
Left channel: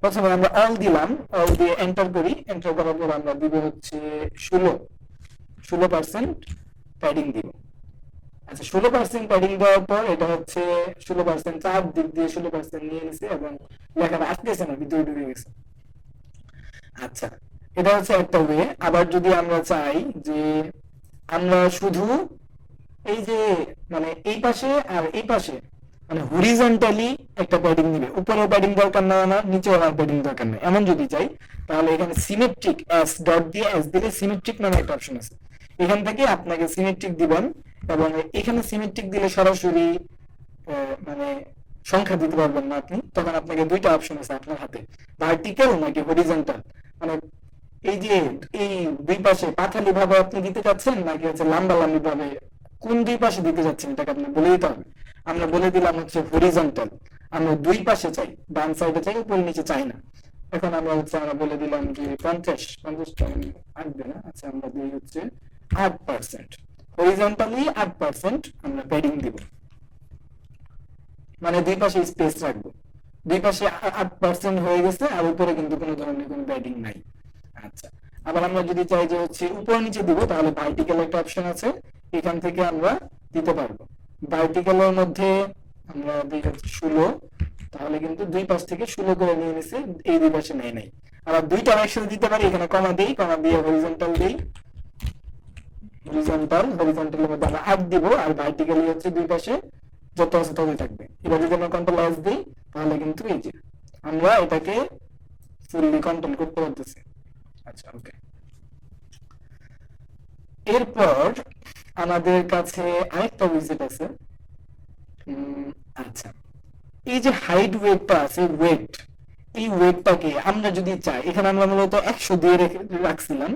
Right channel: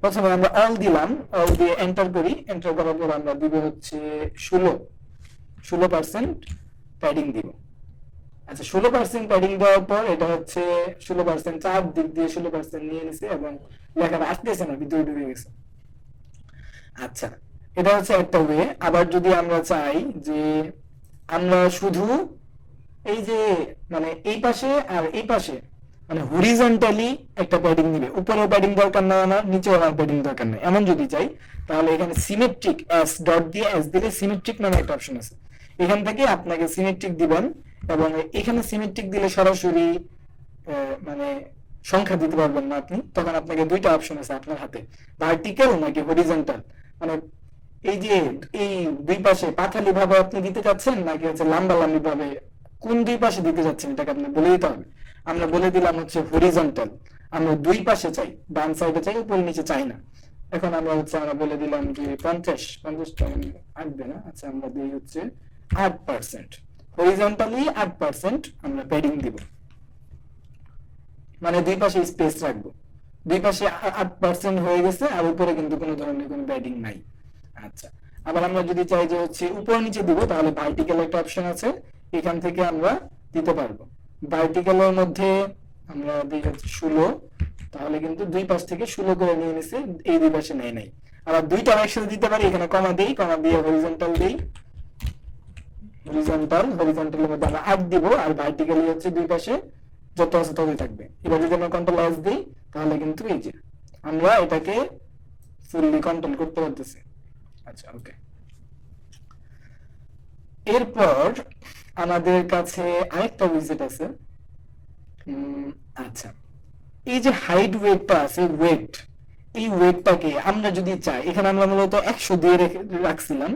প্রথমে আমরা অল দিলাম, অল দিয়ে এন্টার করি, এন্টার করার পর আমরা দিব হচ্ছে 16% প্যাডিং দিব। আচ্ছা, 16% প্যাডিং দেওয়ার পর এটা হচ্ছে 16% চার দিক দিয়ে 16% নিয়ে নিছে এবং লেখাটা আসতেছে না, ভিতরে ঢুকে গেছে। আচ্ছা, এটা হচ্ছে একটা ওয়ে। আবার যদি আমরা চাই যে আমরা শুধু এই যে মানে এই পাশে আর এই পাশে মানে হরিজন্টালি একটা প্যাডিং দিবে, উপরে প্যাডিং দরকার না, আমার নিচে আর প্যাডিং দরকার নেই, এমন যদি চাই তাহলে এখানে সিমেট্রিক এস ডট দিয়ে এস দিলে সিমেট্রিক নামে একটা অপশন আছে, এখান থেকে আপনাকে সিমেট্রিক দিবেন। এবং এখানে সিমেট্রিক দিলে সরাসরি মানে সংখ্যা দিতে পারবেন না আপনি, তখন আপনাকে দুইটা অপশন আছে আপনার হাতে, ভার্টিক্যাল নাকি হরিজন্টাল। মানে এই যে এই দুই পাশে পাথালি ভাবে আপনি দিতে চাচ্ছেন নাকি হচ্ছে লম্বা লম্বি ভাবে, কোন দুই পাশে দিতে যাচ্ছেন এটাকে আপনি বলে দিতে হবে। আমরা বলে দিলাম হচ্ছে হরিজন্টাল, আমরা দুই পাশে চাই, ডান সাইডে চাই, উপরে নিচে চাই না। এখন আমরা হচ্ছে আমরা বলে দিলাম যে 50 আসবে না। আচ্ছা, আমরা দিই হচ্ছে 8%, হরিজন্টালি 8% আমরা প্যাডিং দিব, মানে দুই পাশে স্পেস রাখবো। দুই পাশে 8% হয়ে গেছে, আর উপরে কিন্তু কোনো ধরনের কোনো প্যাডিং নাই। আচ্ছা, আবার আমরা যদি চাই যে হচ্ছে উপরে নিচে দিব, তাহলে ভার্টিক্যাল একটা অপশন আছে, এখান থেকে আমরা দিতে পারবো। ভার্টিক্যালের মধ্যে আমরা দিই হচ্ছে 16, তাহলে কিন্তু দুই পাশ থেকে 16 করে নিয়ে নিছে, এই দুই পাশে নেয় নাই। আবার দুইটা একসাথে দিতে পারি, এখানে কমা দিই, কমা দিয়ে হরিজন্টাল দিই, হরিজন্টালের মধ্যে আমরা 8 দিব, আর ভার্টিক্যালি হচ্ছে দুই পাশে যত আছে ততই থাকবে। এবার যদি আমরা কন্ট্রোল এস দিই, তাহলে কিন্তু এই যে আমরা এটাকে ফুললি কন্ট্রোল করতে পারতেছি। আচ্ছা, ওকে। এরপর আমাদের কাছে আরেকটা উইজেট আছে। আচ্ছা, এই যে হাইট ওয়েটটা আছে, ওয়েট, এই ওয়েটটাকে আমরা যদি চাই, এখানে আমরা মূলত 100 দিয়ে রাখছিলাম।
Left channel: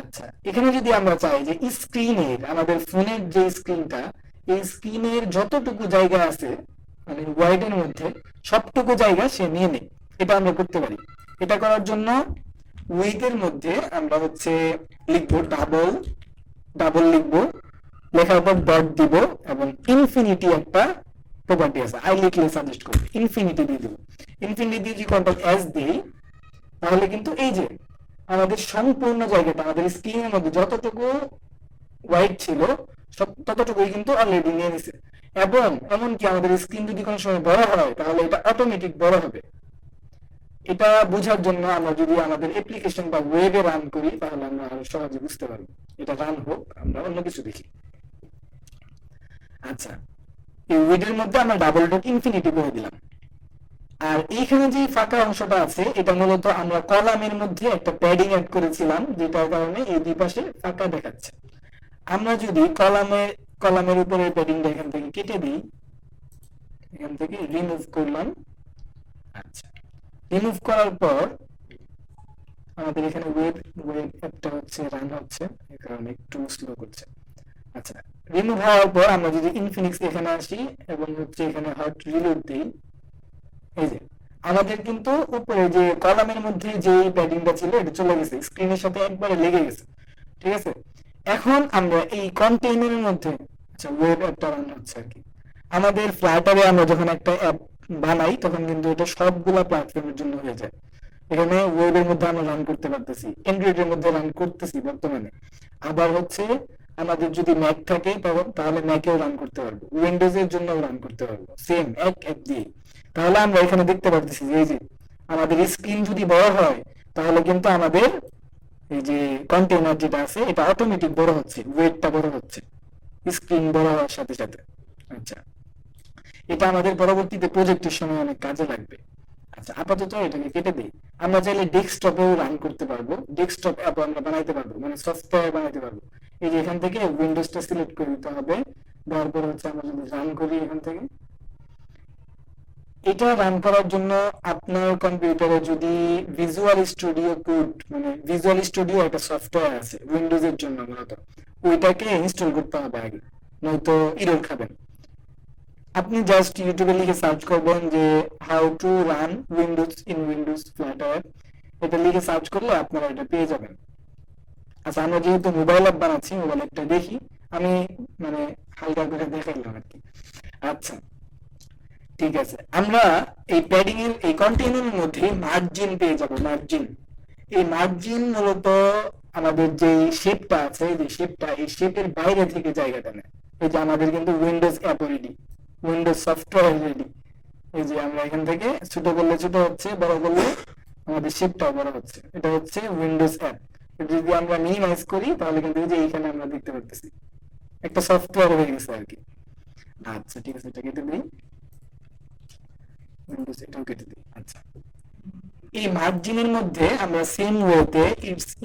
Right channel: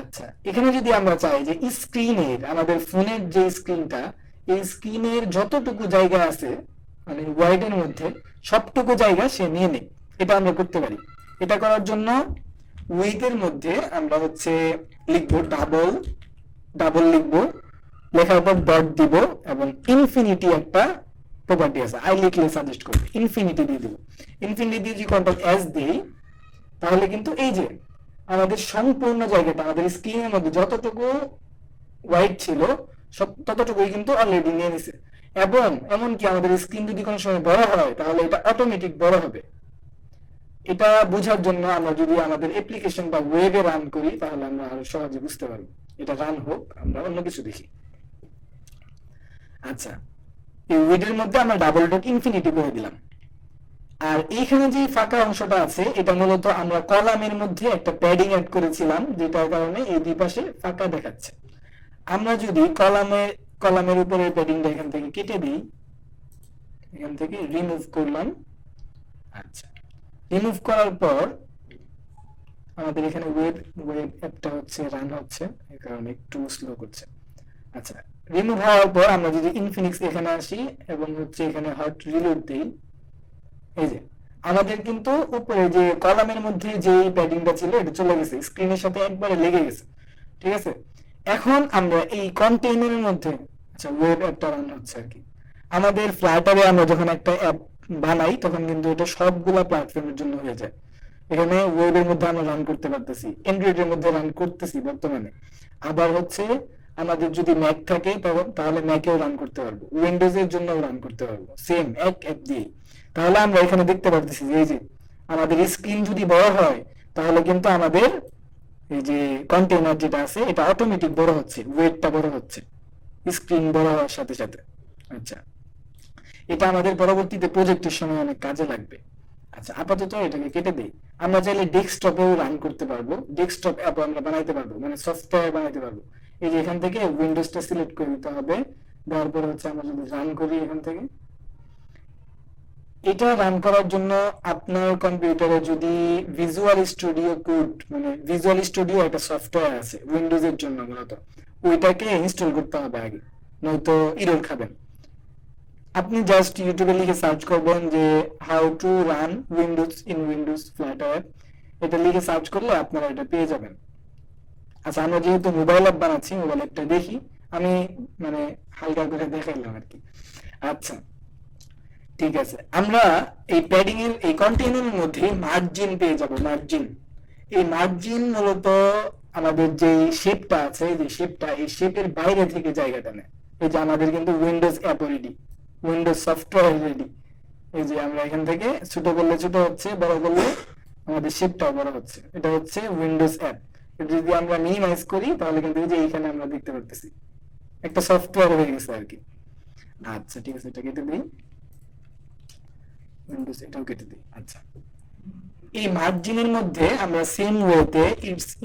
আচ্ছা, এখানে যদি আমরা চাই যে স্ক্রিনের, আমাদের ফোনের যে স্ক্রিনটা, এই স্ক্রিনের যতটুকু জায়গা আছে মানে ওয়াইডের মধ্যে সবটুকু জায়গা সে নিয়ে নেই, এটা আমরা করতে পারি। এটা করার জন্য উইথের মধ্যে আমরা হচ্ছে লিখবো ডাবল, ডাবল লিখবো, লেখার পর ডট দিব, এবং ইনফিনিটি একটা প্রপার্টি আছে, আই লিখলে সাজেস্ট করবে, ইনফিনিটি দিয়ে দিব। ইনফিনিটি দিয়ে যদি কন্ট্রোল এস দিই, তাহলে কিন্তু এই যে আমাদের সম্পূর্ণ জায়গাটা, আমাদের স্ক্রিনের মধ্যে যতটুকু ওয়াইড ছিল সব ততটুকুই কিন্তু অলরেডি নিয়ে নিছে। এবং এমনকি আমাদের স্ক্রিন যদি কোনো সময় বড় হয়, তাহলে এটা অটোমেটিক বড় হবে। এটা বোঝার জন্য আমরা যদি আমাদের অ্যাপ্লিকেশন বা ওয়েবে রান করি, তাহলে আমরা আরো সহজে বুঝতে পারবো। এটা রান হোক, আমরা অন্য কিছু দেখি। আচ্ছা, এই ওয়েডের মধ্যে আমরা ডাবল ডট ইনফিনিটি করে দিলাম। আর এইখানে যে ফাঁকা অংশটা আছে, এটা মূলত আমরা কলামের মধ্যে একটা প্যাডিং অ্যাড করেছিলাম, যেটার কারণে এই দুই পাশে ফাঁকা দেখাচ্ছে। আমরা যদি কলামের উপরে প্যাডিংটা এখান থেকে কেটে দিই, এখান থেকে রিমুভ করলাম। আচ্ছা, রিমুভ করার পর আমাদের এখানে ওয়েব অ্যাপটা হচ্ছে রান হচ্ছে, এই কারণে একটু স্লো করছে। আচ্ছা, রিমুভ হওয়ার পর আমরা যদি ইনফিনিক্স এখানে আসি এবং হচ্ছে এখানে হট রিলোড দিই, এই যে আমাদের কিন্তু উপরে যে কলামের মধ্যে যে প্যাডিংটা ছিল এটা চলে গেছে, স্ক্রিনের সাথে একবারে লেগে গেছে। ঠিক আছে, এখন আমরা এই কন্টেইনারের মধ্যে, আচ্ছা ওয়েব অ্যাপটা রান হচ্ছে আর কি। আমাদের ফ্লাটারে আমরা যখন একটা অ্যাপ বানাই, তখন কিন্তু এটা সবগুলা প্ল্যাটফর্মের জন্য হয়ে যায়। এখানে ওয়েবের মধ্যে আমরা রান করতে পারতেছি, অ্যান্ড্রয়েডের মধ্যে রান করতেছি বর্তমানে। আবার হচ্ছে আমাদের যদি ম্যাক থাকে তাহলে ম্যাকেও রান করতে পারবো, উইন্ডোজের জন্য রান করতে পারবো, সেম এক অ্যাপ দিয়ে। তাহলে আমরা এখানে দেখতে পারতেছি যে এই যে আমাদের স্ক্রিন যদি বড় হয়, তাহলে কিন্তু আমাদের এই যে কন্টেইনার যেটা আছে এটা অটোমেটিক বড় হচ্ছে, ওয়েটটা বড় হচ্ছে স্ক্রিন বড় হওয়ার সাথে সাথে। আচ্ছা, এটা আমাদের পরবর্তীতে প্রজেক্টের সময় অনেক কাজে লাগবে। আচ্ছা, আপাতত এটাকে কেটে দিই। আমরা চাইলে ডেস্কটপেও রান করতে পারবো, ডেস্কটপ অ্যাপ আমরা বানাইতে পারবো, মানে সফটওয়্যার বানাইতে পারবো। এই যে এখান থেকে উইন্ডোজটা সিলেক্ট করে দিতে হবে, দেওয়ার পর হচ্ছে আমরা যদি রান করি এখান থেকে, এটা রান করার জন্য আপনার কম্পিউটারে যদি ভিজুয়াল স্টুডিও কোড, মানে ভিজুয়াল স্টুডিও একটা সফটওয়্যার আছে উইন্ডোজের জন্য মূলত, ওইটাকে ইনস্টল করতে হবে আগে, নয়তো এরর খাবেন। আপনি জাস্ট ইউটিউবে লিখে সার্চ করবেন যে how to run Windows in Windows Flutter, এটা লিখে সার্চ করলে আপনারা এটা পেয়ে যাবেন। আচ্ছা, আমরা যেহেতু মোবাইল অ্যাপ বানাচ্ছি, মোবাইল অ্যাপটা দেখি, আমি মানে হালকা করে দেখাইলাম আর কি। আচ্ছা, ঠিক আছে, আমরা এই প্যাডিং এর এই কন্টেইনারের মধ্যে মার্জিন পেয়ে যাব, মার্জিন। এই মার্জিন মূলত আমাদের যে শেপটা আছে, যে শেপটা, এই শেপের বাইরে থেকে জায়গাটা নেয়। এই যে আমাদের কিন্তু Windows app ready, Windows software ready. এই যে আমরা এখান থেকে ছোট করলে ছোট হচ্ছে, বড় করলে আমাদের শেপটাও বড় হচ্ছে, এটা হচ্ছে উইন্ডোজ অ্যাপ। এটা যদি আমরা মিনিমাইজ করি, তাহলে কিন্তু এই যে এইখানে আমরা দেখতে পাচ্ছি একটা সফটওয়্যার হয়ে গেছে আর কি। আচ্ছা, ঠিক আছে, এটা কেটে দিই, উইন্ডোজ এটাও কেটে দিই। আচ্ছা, এই মার্জিনের মধ্যে আমরা সেম ওয়েতে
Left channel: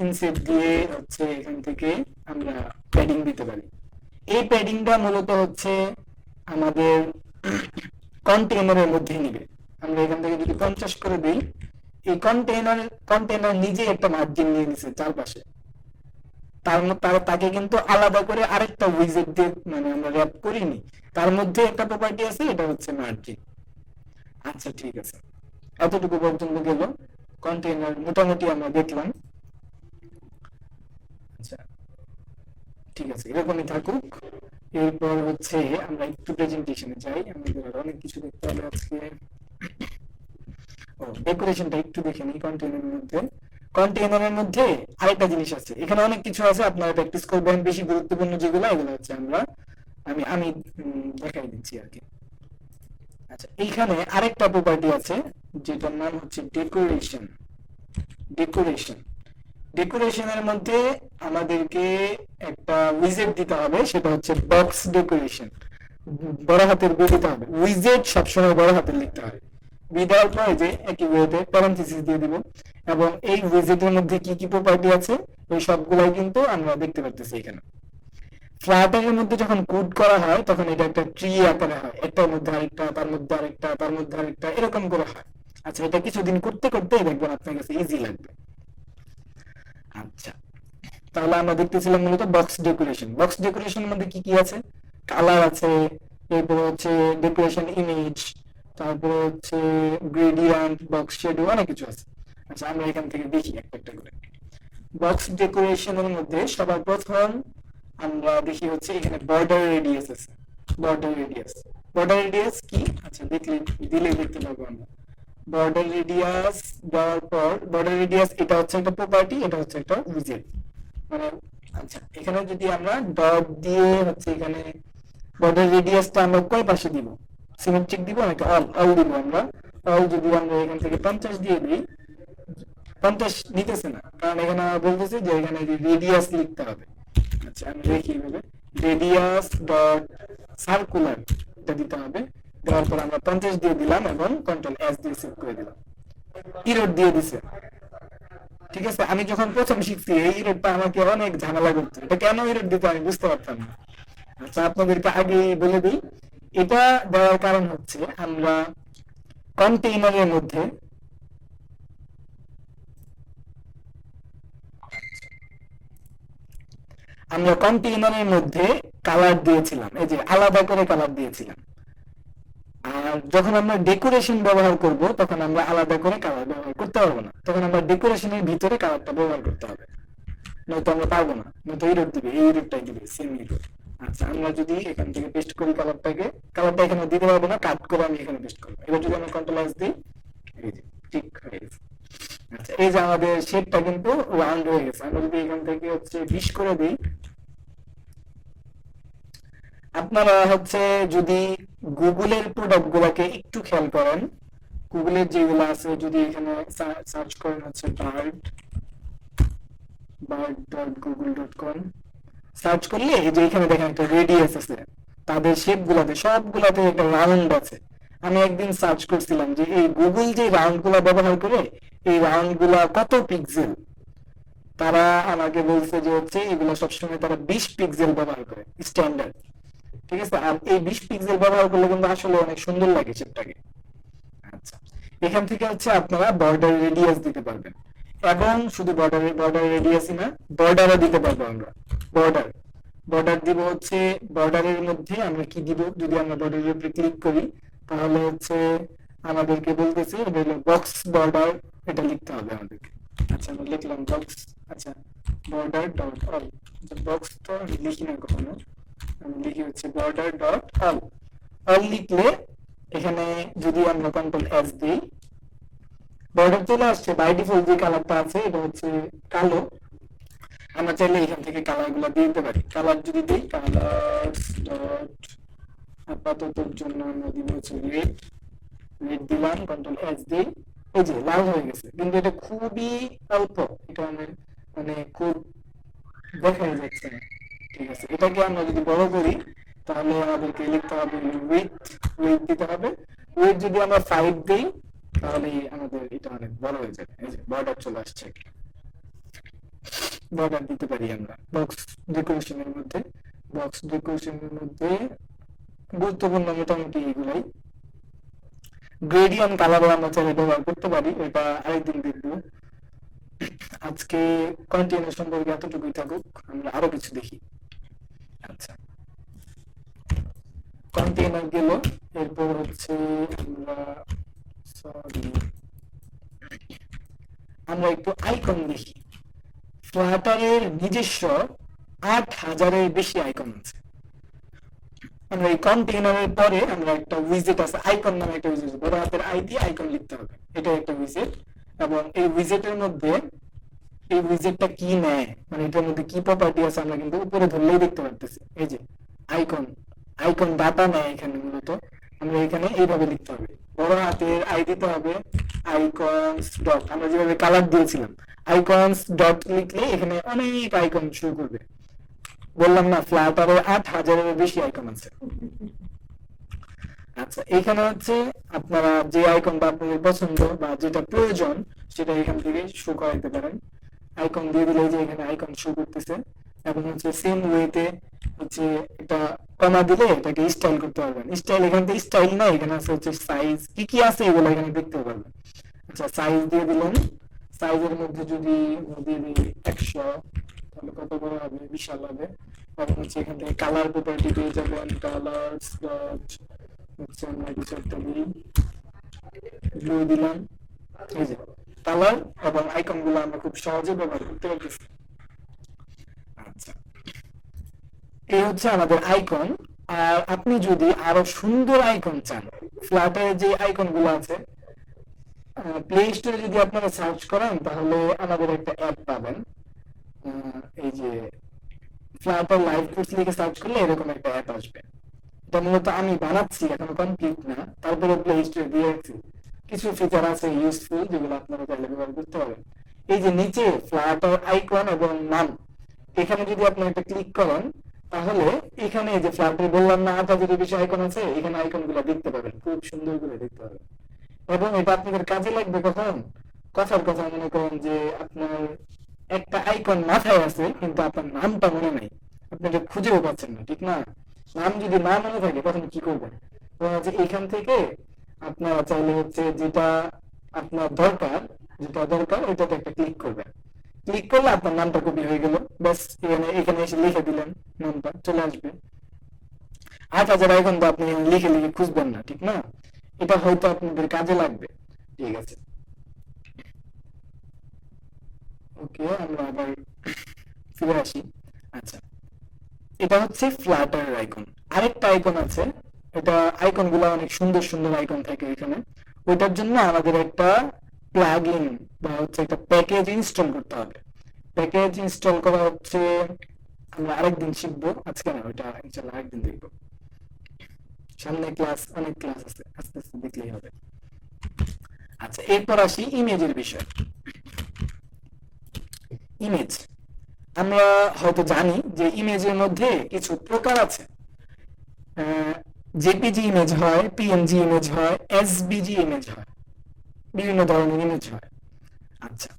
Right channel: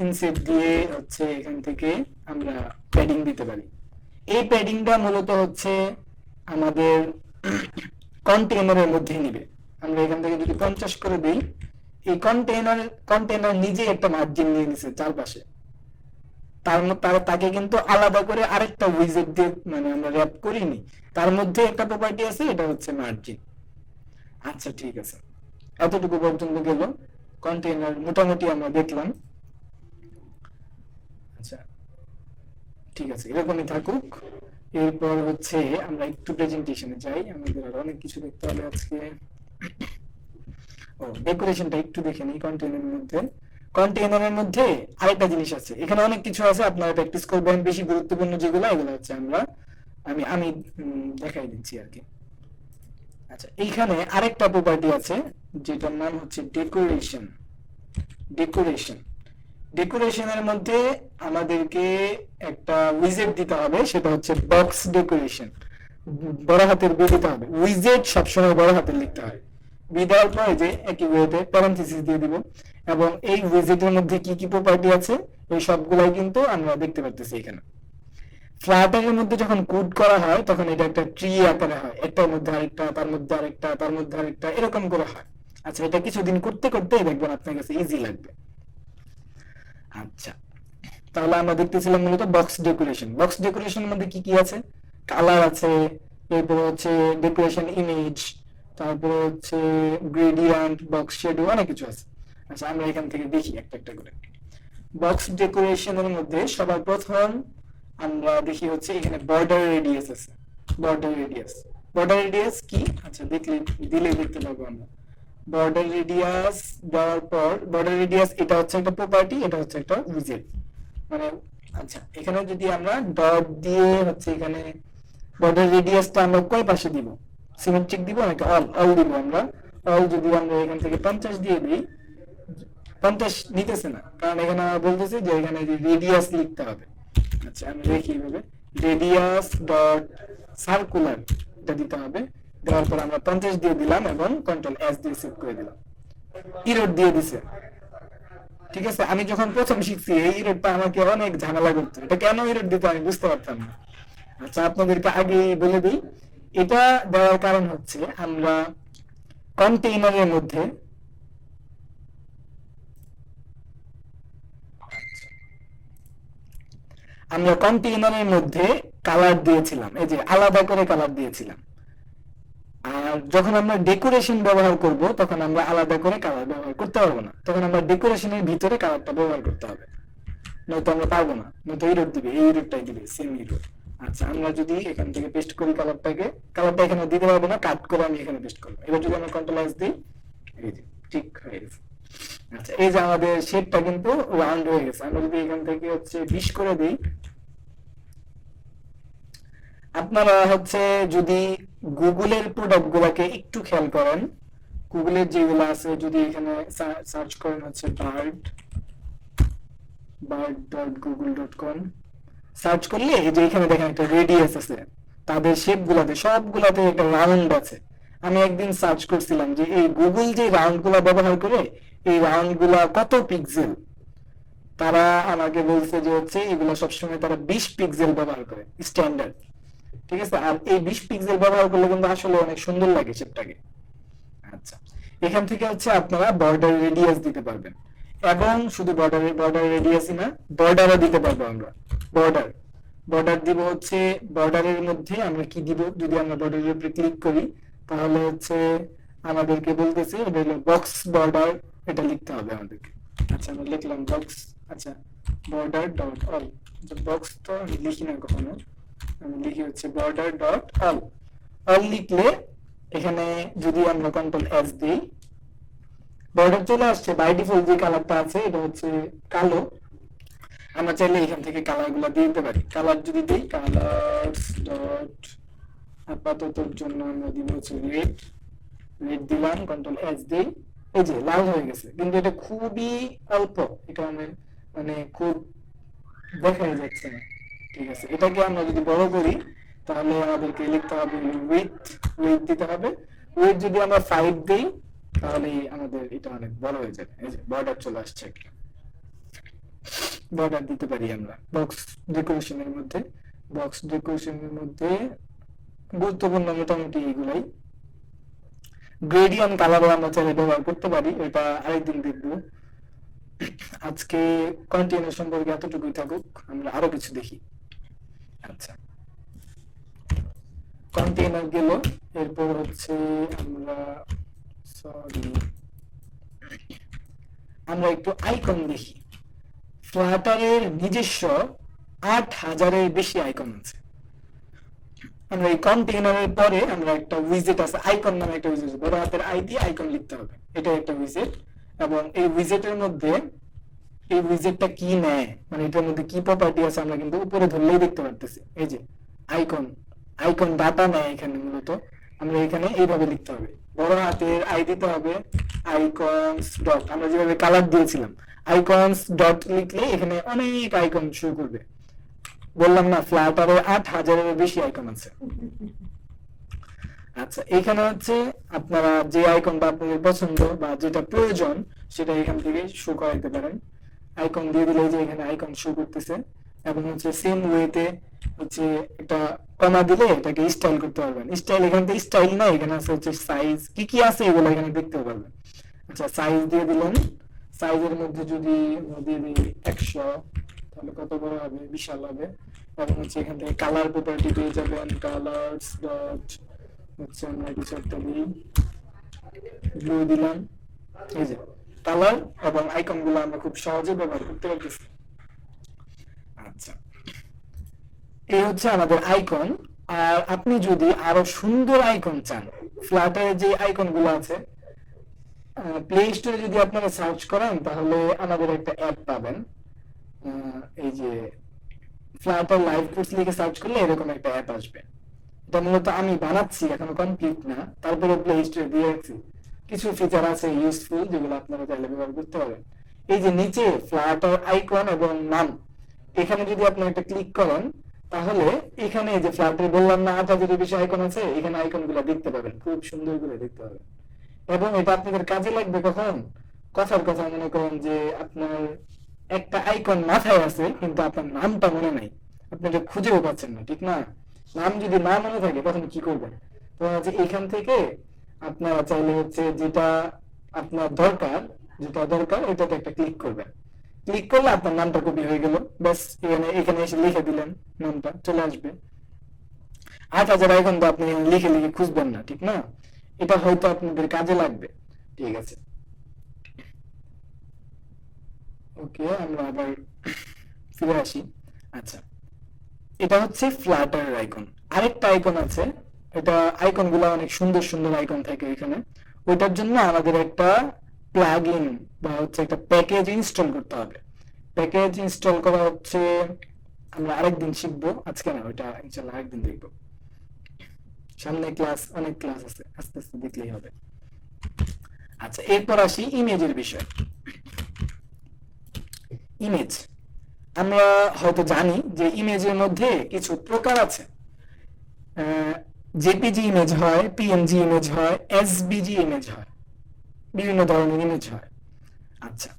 ইনসেট দিয়ে হচ্ছে এখান থেকে আমরা প্যাডিং দিতে পারি। এই প্যাডিংটা মূলত হচ্ছে আমাদের কন্টেইনারের মধ্যে নিবে। আমরা এখান থেকে যদি 50 করে দিই, এই কন্টেইনার নিজে একটা মার্জিন নিয়ে নিছে চারপাশে। তাকে কিন্তু আলাদা করে আরেকটা উইজেট দিয়ে মানে আমরা র্যাপ করিনি, তার মধ্যে একটা প্রপার্টি আছে, এটা হচ্ছে মার্জিন। আচ্ছা, ঠিক আছে, এতটুকু পর্যন্ত গেল কন্টেইনার, মোটামুটি আমরা দেখলাম। আচ্ছা, ঠিক আছে, এরকমই থাকুক। এরপর হচ্ছে আমরা একটু প্রেজেন্টেশনে যাই, আমাদের আর অনেক কিছু দেখতে হবে আজকে। ডেকোরেশনটা একটু দেখে নিই কন্টেইনারের মধ্যে। কন্টেইনারের মধ্যে আরেকটা জিনিস আছে, এখানে অনেক কিছু আছে, আপনারা প্র্যাকটিস করবেন। বেশি গুরুত্বপূর্ণ যেগুলো এগুলো হচ্ছে আমি আমি দেখাই দিচ্ছি আর কি। আচ্ছা, এইখানে আরেকটা প্রপার্টি আছে যেটার নাম হচ্ছে ডেকোরেশন। ডেকোরেশন ডেকোরেশনের মধ্যে আমাদেরকে একটা উইজেট দিতে হবে, সেটা হচ্ছে বক্স ডেকোরেশন। বড় হাতের বি দিতে হবে, উইজেট সবসময় বড় হাতের লিখতে হয়। বি দেওয়ার পরে যে একই ওয়েতে প্যারেন্থেসিস দিয়ে দিব, এবং এই উইজেটের মধ্যে কি কি প্রপার্টি আছে এই সবগুলাই কিন্তু আমরা দেখতে পাচ্ছি এখানে। ফ্লাটারের মধ্যে যখন কোড করা হয় তখন এটা একটা ট্রি আকারে হয়, একটার মধ্যে আরেকটা, তার মধ্যে আরেকটা, তার মধ্যে আরেকটা, এরকম করে হয়। আচ্ছা, এটা কিছুদিন করতে করতে দেখবেন আপনার কাছে ইজি লাগবে। আচ্ছা, তাহলে আমরা দেখতেছিলাম মূলত বক্স ডেকোরেশন। বক্স ডেকোরেশনের মধ্যে কি কি আছে? কালার আছে, এরপরে হচ্ছে ডেকোরেশন ইমেজ, তারপরে হচ্ছে গ্রেডিয়েন্ট, বক্স শেডো, অনেক কিছু আছে। আচ্ছা, আমরা এখান থেকে দেখি একটা একটা করে। বক্স ডেকোরেশনের মধ্যে সবার প্রথম আমরা দেখি হচ্ছে এখানে বর্ডার রেডিয়াস আছে। বর্ডার রেডিয়াস, বর্ডার রেডিয়াস কি? আচ্ছা, দিলেই দেখতে পাবো আমরা। বর্ডার রেডিয়াস দেওয়ার পর, বর্ডার রেডিয়াস এটা হচ্ছে একটা প্রপার্টি, এটা হচ্ছে একটা উইজেট মানে। আচ্ছা, এখানে যদি আমরা ডট দিয়ে হচ্ছে এখানে বর্ডার রেডিয়াসটা আমরা কয় পাশে দিব? সিমেট্রিক দিব নাকি অল? অল দিব আমরা। অল যদি আমরা এখান থেকে 50 দিয়ে দিই, 50 নিতেছে না, কারণ এখানে বলতেছে যে এখানে রেডিয়াস লিখতে হবে। আচ্ছা, আমি দেখি এইভাবে রেডিয়াস ডট সার্কুলার এটা দিতে হবে। দেওয়ার পর আমরা 50 দিয়ে দিলাম এবং কন্ট্রোল এস দিয়ে সেভ করে দিলাম। ইরোড দিয়ে দিছে। ঠিক আছে, আমি যখন প্রথম শিখছি এই ইরোডটা আমাকে অনেক ঝামেলা করতো, এটা কেন ইরোড দিতে আমি বুঝতে পারতাম না। আচ্ছা, আপনাদেরকে আগে বলে দিই, এটা দেওয়ার কারণ হচ্ছে আমরা কন্টেইনারের মধ্যে কালার দিয়েছিলাম, এই যে আলাদা করে কালার দিয়েছিলাম। আর যখন আমরা ডেকোরেশন ব্যবহার করব তখন আমরা আলাদা করে কালার ব্যবহার করতে পারবো না, তখন আমরা ডেকোরেশনের ভিতরে কালারটা ব্যবহার করতে হবে, নয়তো আমরা পারবো না। নয়তো এই রোড দিবে, এই রোডটাই দিবে, সেম এই রোড। আচ্ছা, আমরা যদি এখান থেকে পেস্ট করি কালারটাকে, কালারটা এখানে দিতে পারবো না, কাট করে আমি এখানে পেস্ট করবো। এবার যদি আমরা কন্ট্রোল এস দিই, এই যে ঠিক হয়ে গেছে। আচ্ছা, এই যে আমাদের শেপটা কিন্তু রাউন্ড হয়ে গেছে। আমরা যদি এখান থেকে হচ্ছে 20 করে দিই, আপনারা হচ্ছে যদি গুগলের প্রোডাক্ট গুলাকে একটু খেয়াল করেন, গুগলের যেগুলো আছে যদি এখানে সার্চ করেন হচ্ছে bird.google.com, সার্চ করলে এই যে এখানে দেখেন একটা রেডিয়াস আছে, তাদের শেপ গুলাতে সবগুলাতে একটা রাউন্ড আছে। আমি একদিন সার্চ করছিলাম যে এই গুগল যে রাউন্ড গুলা ব্যবহার করে এই রাউন্ড গুলা কত পিক্সেল, তারা আমাকে বলছে যে হচ্ছে এগুলো সবসময় তারা 20 পিক্সেল ব্যবহার করে স্ট্যান্ডার্ড। ঠিক আছে, আর এই 20 পিক্সেল ব্যবহার করলে কিন্তু আসলে অনেক সুন্দর লাগে শেপটাকে। আচ্ছা, এখান থেকে হচ্ছে আপনারা বর্ডার রেডিয়াস দিতে পারবেন, এবং শুধু বর্ডার রেডিয়াসই না, বর্ডারও দিতে পারবো আমরা। বর্ডার বর্ডার দিব হচ্ছে, বর্ডারের মধ্যে আমরা কি দিব? যদি আমরা বর্ডারের উপরে ক্লিক করি তাহলে হচ্ছে আমাদেরকে বলতেছে এটা হলো বক্স বর্ডার, এটা লিখতে হবে আমাদেরকে। আচ্ছা, আমরা লিখলাম বক্স। আচ্ছা, বর্ডার ডট অল, বক্স তো আমি লিখি না কখনো, আমি লিখি হচ্ছে বর্ডার ডট অল। অল লিখলে এখানে যদি আমরা কন্ট্রোল এস দিই, বর্ডার চলে আসছে। বাই ডিফল্ট যে কালারটা আছে এটা হচ্ছে কালো। আমরা চাইলে এখান থেকে কালার গুলা দিয়ে দিতে পারি। কালার যদি দিই, কালারস ডট আপাততর জন্য আমরা দিব হচ্ছে রেড। রেড দিলাম, কন্ট্রোল এস দিই, এই যে লাল হয়ে গেছে, কিন্তু এটা খুবই অল্প, এটা মানে খুব দেখাই যাচ্ছে না। ঠিক আছে, এটাকে আমরা যদি বড় করি তাহলে আমাদেরকে লিখতে হবে উইথ দিতে হবে। উইথ যদি আমরা 5 দিই তাহলে আমাদের এটা অনেক বড় হয়ে যাবে। এই যে বর্ডার চলে আসছে, বর্ডার দিতে পারি আমরা বক্স ডেকোরেশনের মধ্যে। বক্স ডেকোরেশনের মধ্যে গুরুত্বপূর্ণ মোটামুটি এগুলাই। গ্রেডিয়েন্ট কালার আমরা চাইলে ব্যবহার করতে পারি, এটা আরেকদিন দেখবো। আজকে কন্টেইনার সম্পর্কে এতটুকুই থাকুক, আমরা আরো কিছু দেখি। আচ্ছা, কন্টেইনার গেল, এরপর হচ্ছে আমরা একটু আইকন দেখি। ফ্লাটারের নিজস্ব 8,000-এর বেশি আইকন আছে। আমরা এই কন্টেইনারের পরে আমরা একটা উইজেট আছে, আইকন নামে একটা উইজেট, বড় হাতের আই দিয়ে আইকন লিখতে হবে, এটা একটা উইজেট। এবং এই উইজেটের মধ্যে এই উইজেটটা কি নেয়, মানে এটার মধ্যে কি প্রপার্টি আছে আমরা কিন্তু উপরে ধরলেই দেখতে পারতেছি। এই যে আইকন, আইকন ডাটা নেয় এখানে মূলত। আমরা এখানে এইভাবে লিখতে হবে, বড় হাতের আই দিতে হবে, আইকনস ডট, আমরা যেভাবে কালার দিয়েছিলাম আইকনস ডট লিখলে এখানে অনেক আইকন শুরু করবে। বললাম না ফ্লাটারে 8,000-এর বেশি আইকন আছে। আচ্ছা, এখানে হচ্ছে আপনারা যে আইকনটা আপনাদের পছন্দ বা যেটা প্রয়োজন সেটা এখান থেকে শো করাইতে পারেন। আইকন দিয়ে দিলে যে এখানে আইকন শো করতেছে। এবং হচ্ছে সেম ওয়েতে হচ্ছে এটা কমা দিলে এটাকে স্টাইল করতে পারবেন। স্টাইল এখান থেকে স্টাইল না, এখানে আছে হচ্ছে সাইজ, কি কি আছে এগুলো এখানে দেখতে পারবেন। আচ্ছা, সাইজ দিয়ে দিলেন, সাইজের মধ্যে যদি দিয়ে দিই 100, তাহলে কত বড় হবে, বিশাল হবে। এবং হচ্ছে এখান থেকে কালার প্রপার্টি পেয়ে যাবেন, কালারস ডট হচ্ছে আমরা কিছু একটা দিই, ব্লু দিলাম। এই যে কালার এবং আইকন গুলো আমরা খুব সহজে ব্যবহার করতে পারতেছি। আচ্ছা, এই হচ্ছে আমাদের আইকন। আর আপনি যদি আরো সুন্দর আইকন চান, ফ্ল্যাটারে যে আইকন গুলো আছে, প্লে স্টোরে যদি আপনারা সার্চ করেন তাহলে আমাদের একটা অ্যাপ পাবেন। এই যে ফ্ল্যাটার লাইভ কোর্স লিখে সার্চ করলে এরকম একটা অ্যাপ আসবে। এটা মূলত আমি বানাচ্ছি, এখনো কমপ্লিট না, তারপরে প্লে স্টোরে দিয়েছি। কিছু ফিচার আছে ইউজফুল যেগুলো আপনারা চাইলে ব্যবহার করতে পারেন। এই যে নিচে ফ্ল্যাটার আইকন এবং নাম, এখানে যদি আপনি একটা ক্লিক করেন তাহলে এখানে যে ফ্ল্যাটার বললাম না 8,000-এর বেশি আইকন আছে, এখানে আইকন গুলো দেখতে পাবেন, খুব সুন্দর করে দেখতে পাবেন। এবং এটা আপনাদের কাজে লাগবে কখন, কথার কথা মনে করেন যে আপনার একটা আইকন মাথায় আছে কিন্তু আপনার নামটা মনে নাই, আপনি এটা খুঁজেও পাচ্ছেন না, ঠিক না? নাম যদি না মনে থাকে তখন কি করবেন? তো হচ্ছে এখান থেকে আপনারা চাইলে হচ্ছে যেটা আপনার দরকার, যেটা দরকার ওইটাতে একটা ক্লিক করবেন। ক্লিক করলে আপনার নামটা কপি হয়ে গেল, ব্যাস এখানে এখানে এসে লিখে দিলেন, নামটা চলে আসবে। 8,000 আইকন তো আপনি লিখে লিখে খুঁজবেন না, ঠিক না? এটা হয়তো আপনাদের কাজে লাগবে। ঠিক আছে, ওকে, আমরা আবার ফিরে আসি। আচ্ছা, এটা হচ্ছে ফ্ল্যাটার আইকন। আরেকটা আইকন আছে, এটা আইকন গুলো অনেক সুন্দর সুন্দর আইকন থাকে এখানে। ওইটার জন্য আমাদের একটা প্লাগ ইন বা হচ্ছে একটা প্যাকেজ ইনস্টল করতে হবে। প্যাকেজ ইনস্টল করা হচ্ছে আমরা আরেকদিন শিখবো, আজকে না, ওইটা ইনশাল্লাহ আরেকদিন দেখবো। সামনে ক্লাস, অনেক ক্লাস আছে, আস্তে আস্তে দেখলেই হবে। আচ্ছা, এরপর আসি ইমেজের বিষয়। ইমেজ, আমরা হয়তো জানি যে ইমেজের মধ্যে কিছু প্রকার আছে। জেপিজি ইমেজ হয়, পিএনজি ইমেজ হয়, এসবিজি ইমেজ হয়, বিভিন্ন ধরনের ইমেজ হয়। আচ্ছা,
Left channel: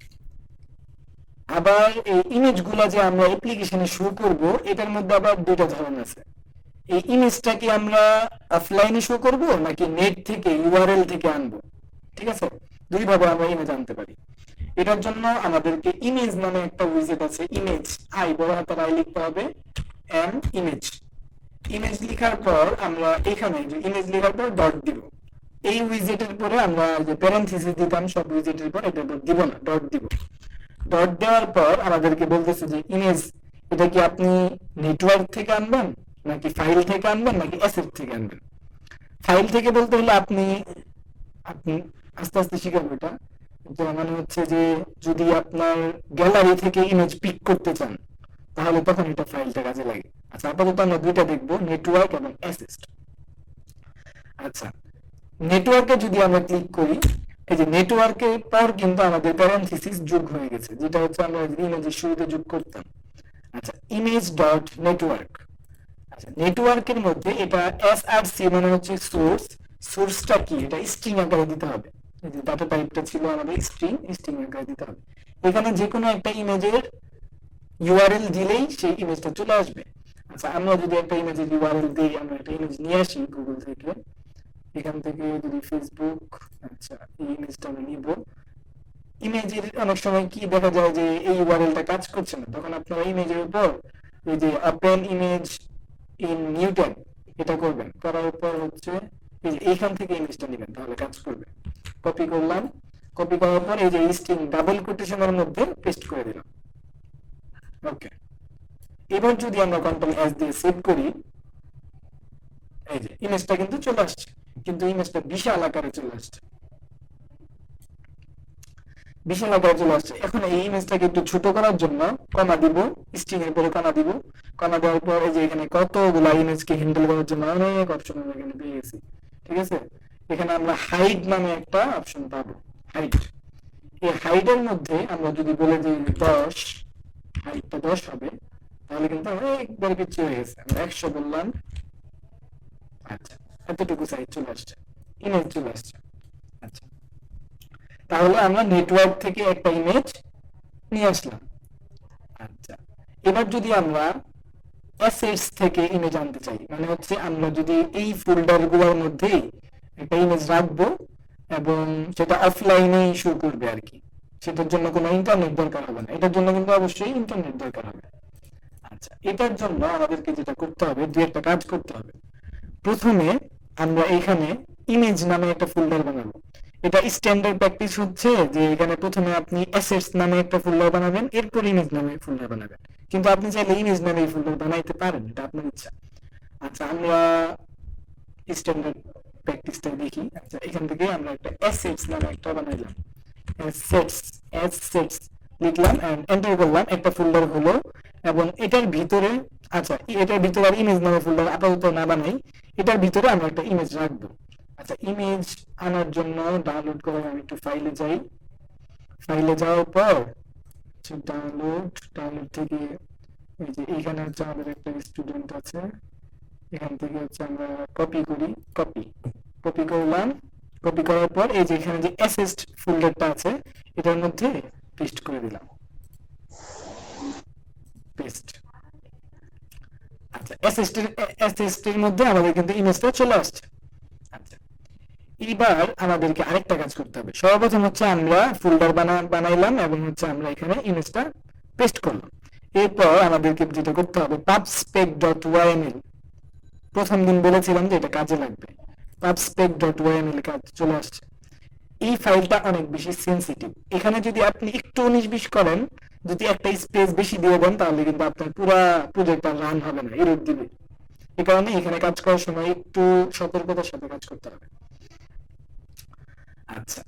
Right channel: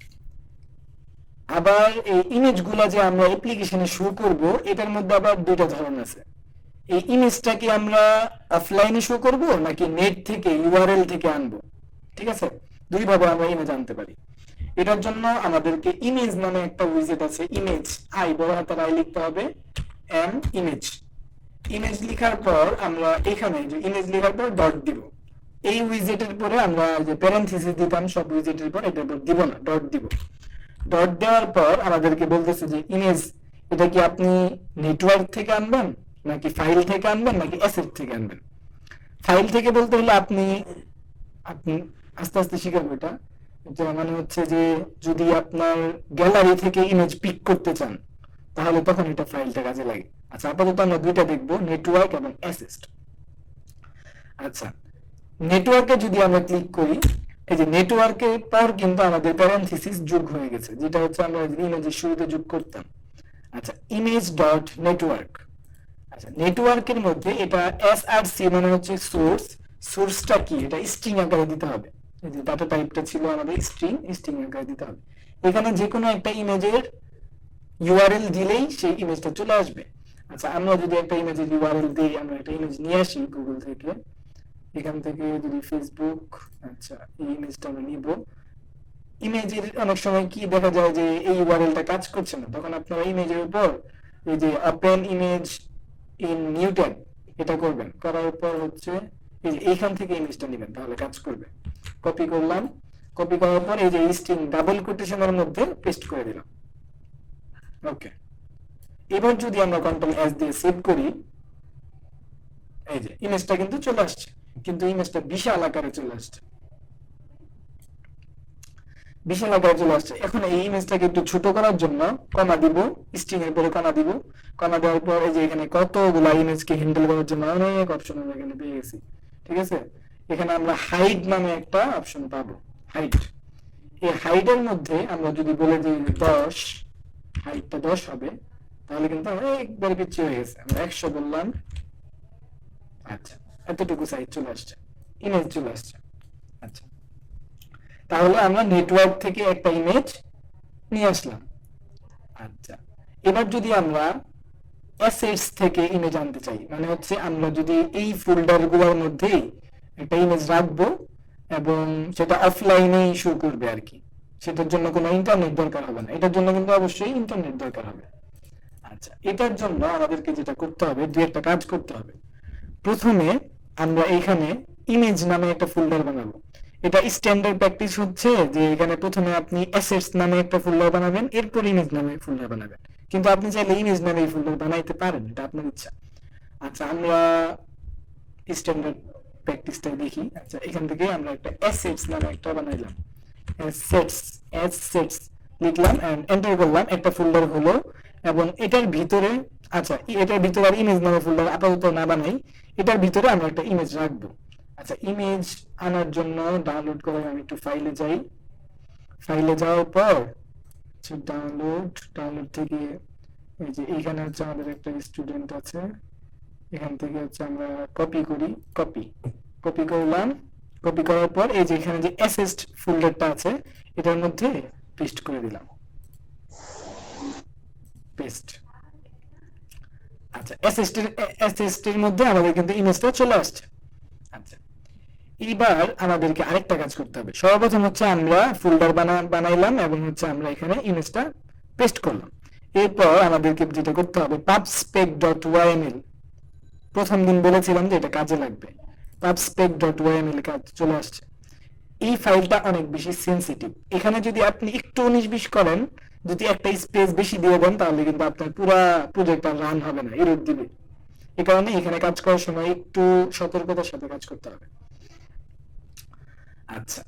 আবার এই ইমেজ গুলা যে আমরা অ্যাপ্লিকেশনে শো করব, এটার মধ্যে আবার দুটো ধরন আছে। এই ইমেজটা কি আমরা অফলাইনে শো করব নাকি নেট থেকে ইউআরএল থেকে আনবো? ঠিক আছে, দুই ভাবে আমরা ইমেজ আনতে পারি। এটার জন্য আমাদেরকে ইমেজ নামে একটা উইজেট আছে, ইমেজ আই বড় হাতের আই লিখতে হবে, এন্ড ইমেজ। ইমেজ লেখার পর আমরা এখানে যে ইমেজ লেখার পর ডট দিব। এই উইজেটের পরে আমরা যে প্যারেনথেসিস দিতাম সব উইজেটের পর, এটা দিব না, ডট দিব। ডট দেওয়ার পর আমাদেরকে বলতেছে যে ইমেজ এটা কি আপনি নেটওয়ার্ক থেকে আনবেন নাকি ফাইল থেকে আনবেন নাকি অ্যাসেট থেকে আনবেন। ফাইল থেকে বলতে হলে আপনি আপনি আস্তে আস্তে শিখাবো এটা। মানে হচ্ছে যে যদি আপনার গ্যালারি থেকে ইমেজ পিক করতে চান তাহলে তখন এটা ফাইলটা কাজে লাগে। আচ্ছা, আপাতত আমরা দুইটা দেখবো, নেটওয়ার্ক এবং অ্যাসেট। আচ্ছা, নেটওয়ার্কে যদি আমরা ক্লিক করি, এই যে নেটওয়ার্কের পর কিন্তু আমাদের প্যারেনথেসিস যোগ হয়ে গেছে, যেটা হচ্ছে আমরা ইমেজের শুরুতে যোগ করতাম। আচ্ছা, ইমেজ ডট নেটওয়ার্ক। আচ্ছা, নেটওয়ার্কের মধ্যে এটা এসআরসি মানে হচ্ছে সোর্স। সোর্সটা কি, এটা স্ট্রিং আকারে দিতে হবে। এই যে ডাটা টাইপটা ছিল আমাদের স্ট্রিং, স্ট্রিং আকারে দিতে হবে। এখানে যে কোনো একটা ইমেজের ইউআরএল দিলেই সেই ইমেজটা চলে আসবে। আচ্ছা, আমরা যদি একটা ইমেজের ইউআরএল দিই, আমরা একটা ইমেজ নিয়ে আসি গুগল থেকে, এখান থেকে যদি ফেসবুক, আচ্ছা এই ইমেজটা আমরা নিব। ইমেজের অনেক সময় কি দেখা যায় যে এই ইউআরএলটা কাজ করছে না, তখন আপনারা ইমেজের উপর এই যে open image in new tab এটা করবেন। করার পর হচ্ছে এইখান থেকে ইমেজটা নেবেন, তাহলে কাজ করবে। কপি করলাম, কপি করার পর এই যে স্ট্রিং ডাবল কোটেশনের মধ্যে পেস্ট করে দিলাম। ওকে, এবার যদি আমরা কন্ট্রোল এস দিয়ে সেভ করি, এই যে ইমেজটা কিন্তু চলে আসছে, কিন্তু ইমেজটা বিশাল আকারে চলে আসছে, বিশাল আকারে চলে আসছে। এখন এই ইমেজটাকে একটু ছোট করার জন্য কমা দিব, স্ট্রিং এর পরে কমা দিব। কমা দেওয়ার পর এই যে এখানে কতগুলা ইমেজকে হ্যান্ডেল করার জন্য অনেক অপশন আমরা এখানে পেয়ে গেছি, ঠিক আছে। এখানে আমরা হাইট নামে একটা অপশন পাবো, হাইট। এই হাইটের মধ্যে আমরা যদি বলে দিই 10, হাইটটা 10 হবে, তাহলে কিন্তু একবার পিছিয়ে হয়ে গেছে। আমরা 100 বললাম, আচ্ছা এতটুকু সাইজ চলে আসছে, ইমেজ চলে আসছে। আচ্ছা, তাহলে আমরা নেটওয়ার্ক থেকে একটা ইমেজ নিয়ে আসলাম। আচ্ছা, এবার যদি আমরা অ্যাসেটস থেকে ইমেজ আনতে চাই, মানে হচ্ছে আমরা যদি এই ফোল্ডার গুলোর মধ্যে একটা ইমেজ রাখবো এবং সেটা অফলাইনে শো করবে আর কি, সেটার জন্য কোনো ইন্টারনেট দরকার হবে না। এটার জন্য কিন্তু অবশ্যই ইন্টারনেট দরকার হবে। আচ্ছা, এটার জন্য আমাদেরকে যেটা করতে হবে, দু একটা কাজ করতে হবে। প্রথমে আমরা এখানে ইমেজ নামে একটা ফোল্ডার বানাবো। এটা স্ট্যান্ডার্ড প্র্যাকটিস হচ্ছে যে এখানে প্রথমে আপনি অ্যাসেটস নামে একটা ফোল্ডার বানাবেন, এরপর ইমেজ নামে ফোল্ডার বানাবেন। কিন্তু আপনি চাইলে ইমেজ নামে এই ফোল্ডার বানাইতে পারেন, এটা আপনার ইচ্ছা। আচ্ছা, আমরা স্ট্যান্ডার্ড প্র্যাকটিসটা দেখি। আচ্ছা, এখান থেকে আমরা একটা অ্যাসেটস নামে একটা বানাইলাম, অ্যাসেটস, অ্যাসেটস লিখলাম এন্ড এন্টার করলাম, একটা ফোল্ডার হলো। এবং এটার ভিতরে, আচ্ছা এটার ভিতরে আর ইমেজ নামে ফোল্ডার আপাতত না বানাই, এটার ভিতরে আমরা একটা ইমেজ রাখবো। আচ্ছা, ইমেজ আনার জন্য ডাউনলোড করে আমি একটু ফাইলে যাই। ফাইলে যাওয়ার পর ডাউনলোড থেকে এই যে এখানে হচ্ছে আমাদের একটা স্টুডেন্ট আছে, এখান থেকে হচ্ছে আমরা কপি করি, কপি করলাম। কপি করার পর এই যে এখানে যে অ্যাসেস্ট ফোল্ডারটা আছে এটার মধ্যে পেস্ট করে দিলাম, পেস্ট। আচ্ছা, অ্যাসেস্ট এর মধ্যে আমাদের কিন্তু ইমেজটা চলে আসছে। আচ্ছা, এবার আমাদেরকে আরেকটা কাজ করতে হবে। সর্বপ্রথম হচ্ছে আমরা ফোল্ডার বানাইলাম এবং হচ্ছে আমরা এখানে ইমেজটা পেস্ট করলাম। এরপর আমাদেরকে যেটা করতে হবে, pubspec.yml, প্রথম দিন বলেছিলাম যে এটা কাজে লাগবে। pubspec.yml কাজ চলে আসছে। এই ফাইলটা অনেক বেশি সেনসিটিভ, এখানে যদি আপনি একটু 19-20 করেন, যদি একটা স্পেস বেশি দিয়ে দেন, তাহলে কিন্তু আপনার পুরো প্রজেক্ট আর রান হবে না, এরর দিবে। এই কারণে এখানে কাজ করার সময় একটু সতর্কতার সাথে কাজ করতে হবে। আচ্ছা,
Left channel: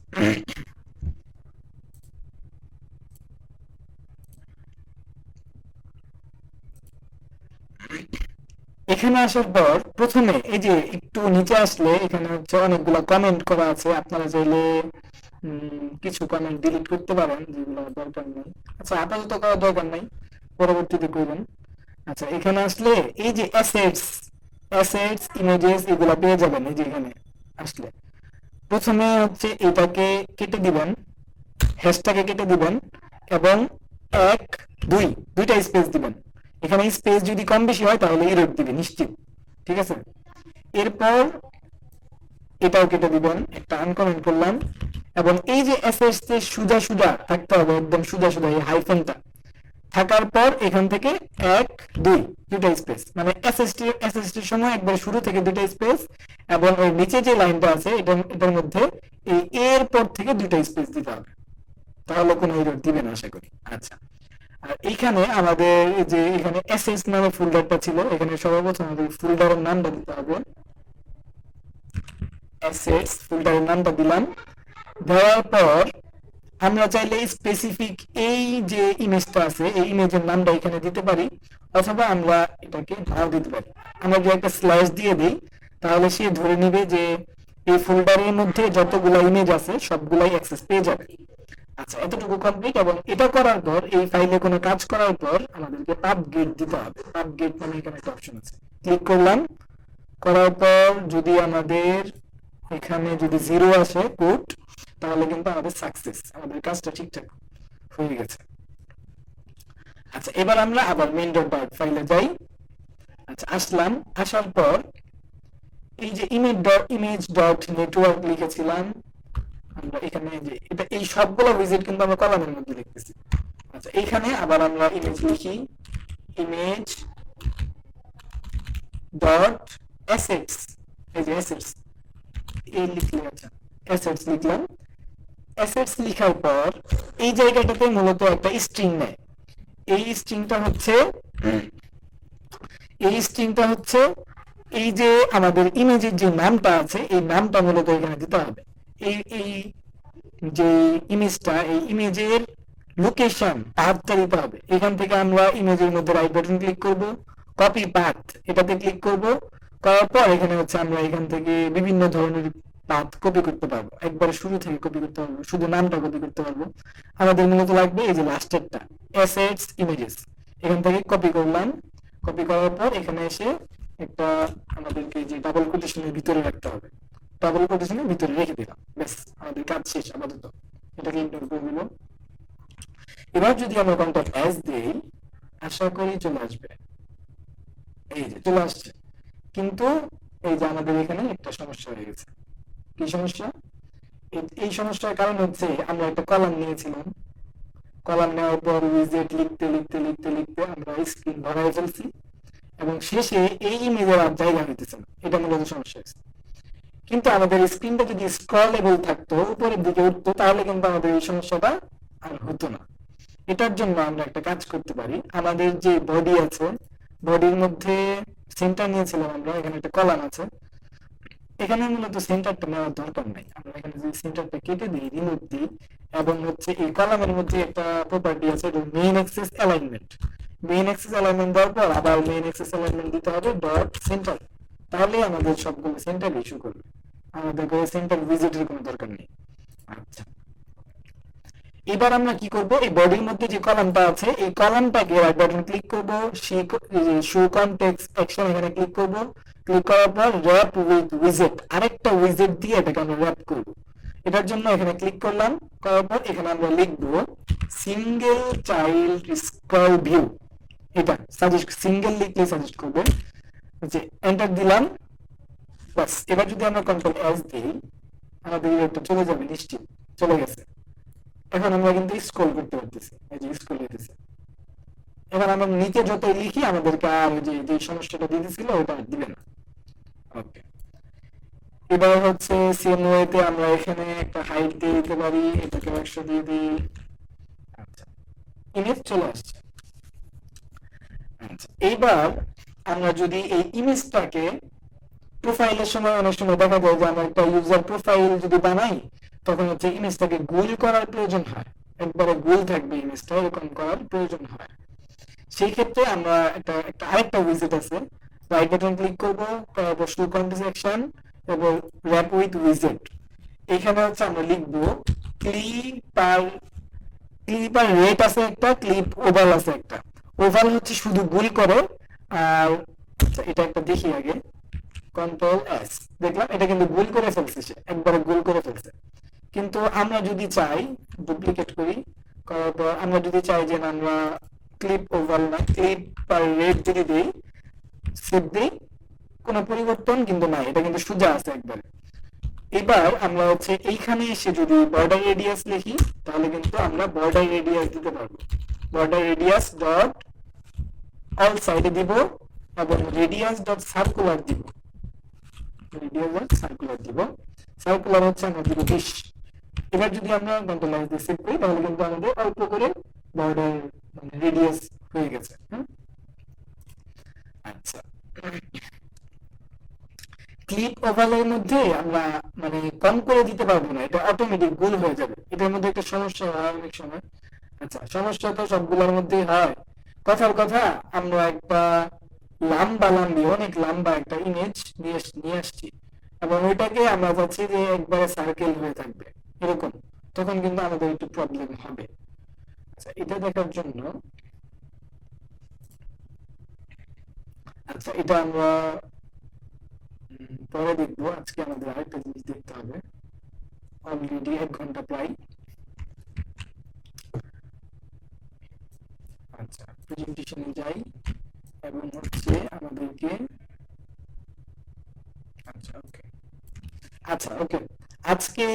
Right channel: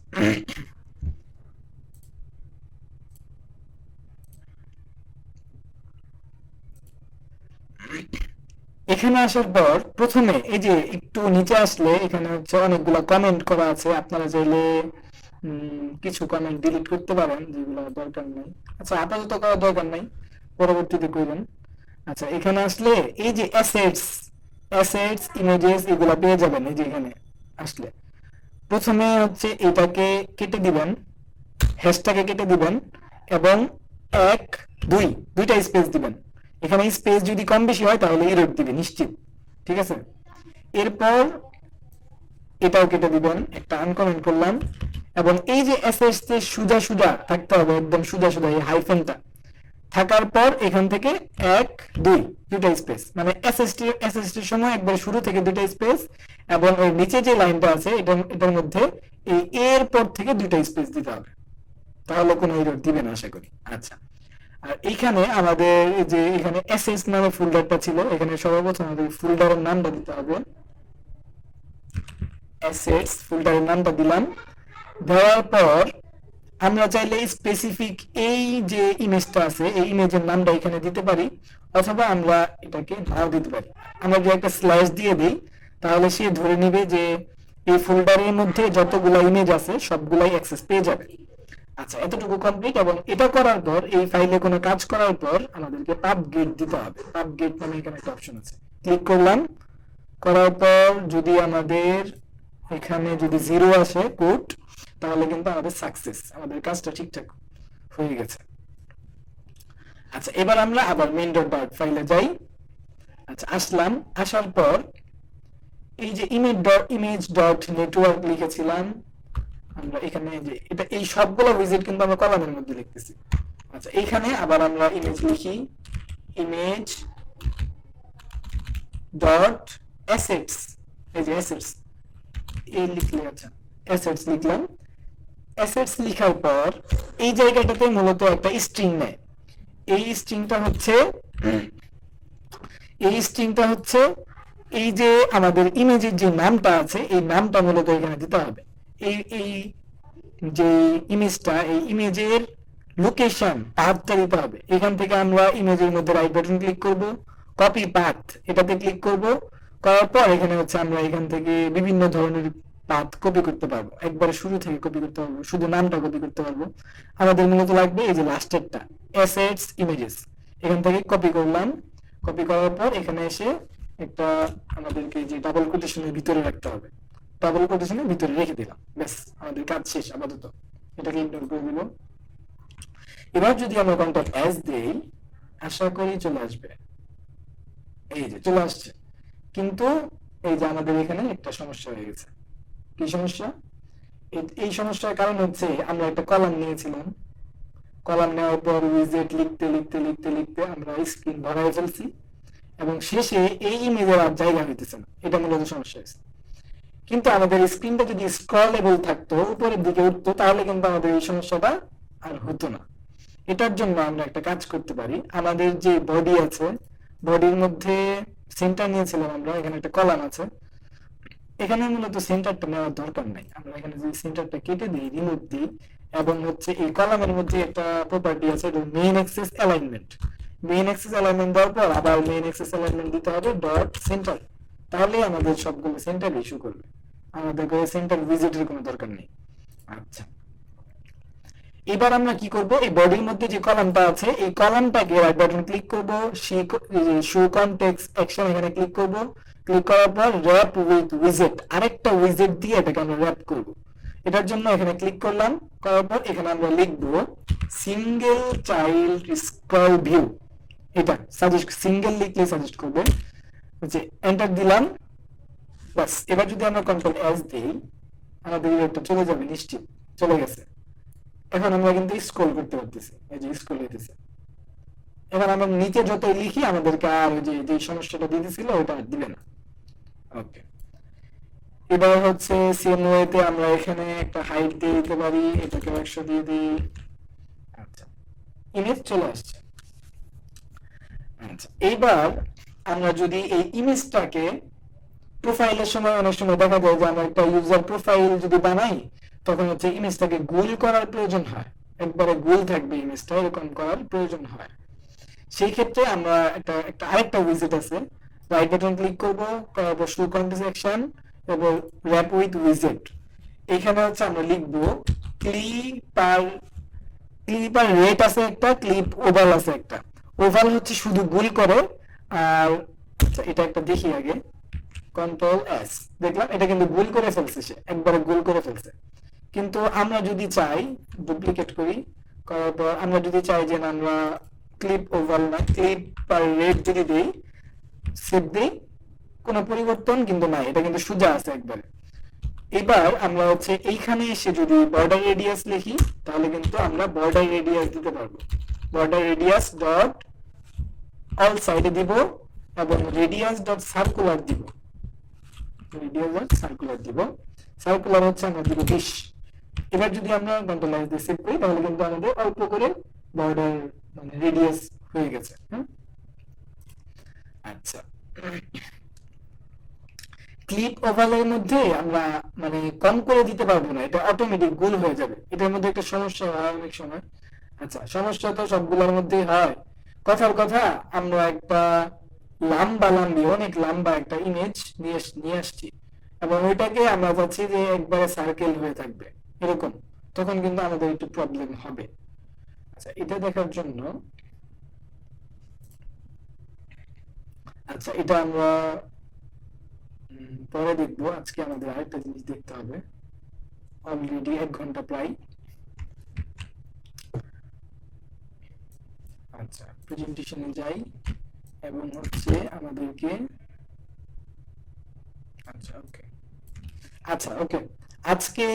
এখানে আসার পর প্রথমে এই যে একটু নিচে আসলে এখানে হচ্ছে অনেকগুলো কমেন্ট করা আছে, আপনারা চাইলে কিছু কমেন্ট ডিলিট করতে পারেন যেগুলো দরকার নেই। আচ্ছা, আপাতত করার দরকার নাই, পরবর্তীতে করবেন। আচ্ছা, এখানে আসলে এই যে অ্যাসেটস ইমেজেস এগুলো পেয়ে যাবেন। এই যে এখানে আসলে প্রথমে হচ্ছে এটাকে কেটে দিবেন, হ্যাশটাকে কেটে দিবেন এবং 1, 2 দুইটা স্পেস দিবেন। এখানে স্পেস যদি কম বেশি হয় তাহলে এরর দিবে নিশ্চিত, ঠিক আছে। এরপর এটাও কেটে দিবেন, একটা আনকমেন্ট করলাম। এবং এই যে অ্যাসেটস তে সুজা থাকতে হবে, একদম সুজা এই হাইফেনটা থাকার পর এখান থেকে 1, 2 দুটা স্পেস, মানে এসএসটি এর সময় একবার শুরু থেকে দুটা স্পেস এবং ওই নিচে যে লাইনটা আছে এটার মধ্যে এই এর পর থেকে দুটা স্পেস দিতে হবে, তাহলে কোনো এরর দিবে না আশা করি। আচ্ছা, আর এখানে আমাদের যে এখানে এসএস নামে ফোল্ডারটা ছিল, এখানে সর্বপ্রথম আমাদের ফোল্ডারের নামটা দিতে হবে। অ্যাসেটস ফোল্ডারের নামটা দিলাম, দেওয়ার পর আমরা চাইলে স্পেসিফিক এই যে ইমেজটা আছে এই ইমেজের নামটা এখানে দিতে পারি, অথবা আমরা এটাকে নাও দিতে পারি। আমরা যদি একটা স্ল্যাশ দিয়ে দিই তাহলে সে ধরে নিবে যে এই ফোল্ডারের মধ্যে যতগুলো ইমেজ আছে সবগুলাই অ্যাক্সেস পেয়ে যাবে। আচ্ছা, এতটুকু কমপ্লিট। এবং এটা করার পর এই ফাইলে কোনো কাজ করার পর আমাদেরকে পাবগেট দিতে হবে। পাবগেট মানে এখানে একটা অপশন আছে, ক্লিক করলাম। করার পর যদি আমাদের এখানে যদি 0 আসে কোড, তাহলে কিন্তু আমাদের সাকসেস, আমাদের কাজটা ঠিকঠাক হয়ে গেছে। আচ্ছা, এবার আমরা আবার main.bat ফাইলে যাই। আচ্ছা, আসলাম। আসার পর এই যে image.network লিখেছিলাম আমরা এখানে, যে এটা এই সবগুলো উইজেট কিন্তু আমরা কলামের মধ্যে লিখতেছি। আচ্ছা, এখানে আবার আমরা ইমেজ লিখি, ইমেজ ডট অ্যাসেটস, এই যে অ্যাসেটস এই লিখলে, আচ্ছা অ্যাসেটস লিখলাম। অ্যাসেটস লেখার পর এই জায়গাটাতে মূলত একটা স্ট্রিং নেয়। এই স্ট্রিংটা হচ্ছে এই স্ট্রিংটা হচ্ছে এই যে আমাদের ইমেজের যে নামটা আছে এই নামটা মূলত এখানে দিতে হবে। এই যে ইমেজটা, এই ইমেজের লোকেশন পাথটা দিতে হবে। এখান থেকে আমরা ইমেজের মধ্যে রাইট বাটন ক্লিক করব, কপি পাথ এটাতে ক্লিক করব, করার পর এখানে হচ্ছে আমরা এখান থেকে বিভিন্ন ধরনের পাথ কপি করতে পারবো, একবারে শুরু থেকে কপি করতে পারবো, শুধু নামটা কপি করতে পারবো। আমাদের মূলত লাগবে এই যে লাস্টেরটা, অ্যাসেটস ইমেজেস, এখান থেকে কপি করলাম। কপি করার পর এখানে এসে একটা আমাদেরকে যে ডাবল কোটেশনের ভিতরে রাখতে হবে, ডাবল কোটেশনের ভিতরে রেখে দিলাম, ব্যাস আমাদের কাজ শেষ আপাতত। এটাকে ইগনোর করে দিল। এবার যদি আমরা কন্ট্যাক্ট অ্যাজ দেই, আশা করি চলে আসবে। এই যে চলে আসছে, কিন্তু এই যে আমাদের এখানে একটা সমস্যা হয়ে গেছে। কি সমস্যা? এই সমস্যার কারণ হচ্ছে আমরা একটা কলাম নিয়েছিলাম, কলাম নেওয়ার পর উইজেট লিখতে লিখতে লিখতে লিখতে আমরা স্ক্রিন ভরাই ফেলছি, এবং শেষে এই ইমেজের আর জায়গা হইতেছে না। এটা মূলত সমস্যা হয়েছে। কিন্তু আমাদের স্ক্রিনটা যদি স্ক্রলেবল থাকতো, উপরের দিকে উঠতো, তাহলে কিন্তু আমাদের এই সমস্যাটা আর হতো না। এটার জন্য আমরা একটা কাজ করতে পারি। আমাদের যে বডি আছে, বডির মধ্যে সেন্টার নিয়েছিলাম আমরা, এখানে একটা কলাম আছে, এখানে মূলত সেন্টারটা নেওয়ার দরকার নেই। আমরা এখানে যে সেন্টারটা কেটে দিই, রিমুভ দিই, এবং হচ্ছে এই কলামের মধ্যে একটা প্রপার্টি আছে, এটা main access alignment. Main access alignment দেওয়ার পর আবার মেইন অ্যাক্সেস অ্যালাইনমেন্ট দিতে হবে ডট সেন্টার, তাহলে আমাদের সবগুলো সেন্টার ইস্যু করবে। আমাদের করে সেন্টার ভিজিটের কোনো দরকার নেই। আচ্ছা, এবার আমরা কি করব, এই বডির মধ্যে যে কলামটা আছে এই কলামটাকে রাইট বাটন ক্লিক করব, শো কনটেক্সট অ্যাকশন এখানে ক্লিক করব। ক্লিক করার পর র‍্যাপ উইথ উইজেট, আরেকটা উইজেট দিয়ে এটাকে আমরা র‍্যাপ করব। এটার জন্য এখানে ক্লিক করলাম, করার পর এখানে আমরা লিখব সিঙ্গেল চাইল্ড স্ক্রল ভিউ। এটা সাজেস্ট, সিঙ্গেল লিখলে সাজেস্ট করবে। যে এন্টার দিলাম, বাস। এবার যদি আমরা কন্ট্রোল এস দিই, আমাদের এটা চলে যাবে, নিশ্চিত চলে গেছে। এখন আমরা কিন্তু স্ক্রল করতে পারতেছি, এই যে স্ক্রল হইতেছে। এবার আমরা নিচে যত লিখি আমাদেরকে আর যে সমস্যাটা দিতেছিল ওটা আর দিবে না। ওকে, এবার হচ্ছে সেম ওয়েতে আমরা এখানে একটা হাইট দিয়ে দিতে পারি, এটাকে 100 দিয়ে দিই। আচ্ছা, ইমেজ চলে আসছে। আচ্ছা, এইবার আমরা যদি এই ইমেজটাকে প্রোফাইলের সময়, অনেক সময় দেখা যায় যে আমরা একটা ইউজার প্রোফাইল যদি বানাই, তখন হচ্ছে ইমেজটাকে গোল করার প্রয়োজন হয়, একবারে গোল থাকবে ইমেজটা, এরকম করার প্রয়োজন হয়। সেই ক্ষেত্রে আমরা একটা আরেকটা উইজেট আছে, রাইট বাটন ক্লিক করব, তারপর শো কনটেক্সট অ্যাকশন এবং র‍্যাপ উইথ উইজেট। এখানে হচ্ছে আমরা লিখব ক্লিপার রেট আছে একটা, ক্লিপ ওভাল আছে একটা। ওভাল হচ্ছে শুধু গোল করে, আর এটা একটা দেখি আগে, কন্ট্রোল এস, দেখলাম এটা কিন্তু গোল করে ফেলছে, সে একবারে গোল করে ফেলছে। কিন্তু আমরা যদি চাই, ডুপ্লিকেট করি, করার পর আমরা যদি চাই যে আমরা ক্লিপ ওভাল না, ক্লিপ পার রেট যদি দিই, সেভ দিই, কোনো পরিবর্তন কিন্তু নাই, এটা কিন্তু সোজা আছে একবারে। এবার আমরা হচ্ছে এইখানে এসে যদি বর্ডার রেডিয়াস লিখি, তাহলে কিন্তু আমরা বর্ডার রেডিয়াস দিতে পারবো। বর্ডার রেডিয়াস ডট অল সাইডে দিব, এবং রেডিয়াস ডট সার্কুলার দিব, রেডিয়াস ডট সার্কুলার দিব। সার্কুলার হচ্ছে আমরা দিব 20। এবার যদি আমরা কন্ট্রোল এস দিয়ে সেভ করি, তাহলে কিন্তু আমাদের অল্প করে বর্ডার মানে রেডিয়াস হয়ে গেছে। আচ্ছা, ক্লিপ ওভালের মধ্যে আমরা মানে কম করে দিতে পারবো না, এটা অটোমেটিক গোল হয়ে যাবে। এটার মধ্যে একটা সমস্যা হয় অনেক সময়। আচ্ছা, সমস্যা তো সবগুলোর মধ্যেই হয়। কথার কথা, আমরা একটা অনেক লম্বা একটা ইমেজ নিয়ে আসছি, এবং ওইটাকে আমরা চাচ্ছি যে একবারে সার্কেল হয়ে থাকবে এরকম, তখন কিন্তু আমাদের একটু প্রবলেম হবে। আচ্ছা, এটা দেখার জন্য, আচ্ছা এটা আমরা পরে দেখবো। আজকে আমাদের আরেকটা জিনিস দেখতে হবে, অলরেডি 1 ঘন্টা প্রায়। আচ্ছা, প্রেজেন্টেশনে যাই, এবং হচ্ছে আমাদেরকে, আচ্ছা ওকে, আজকে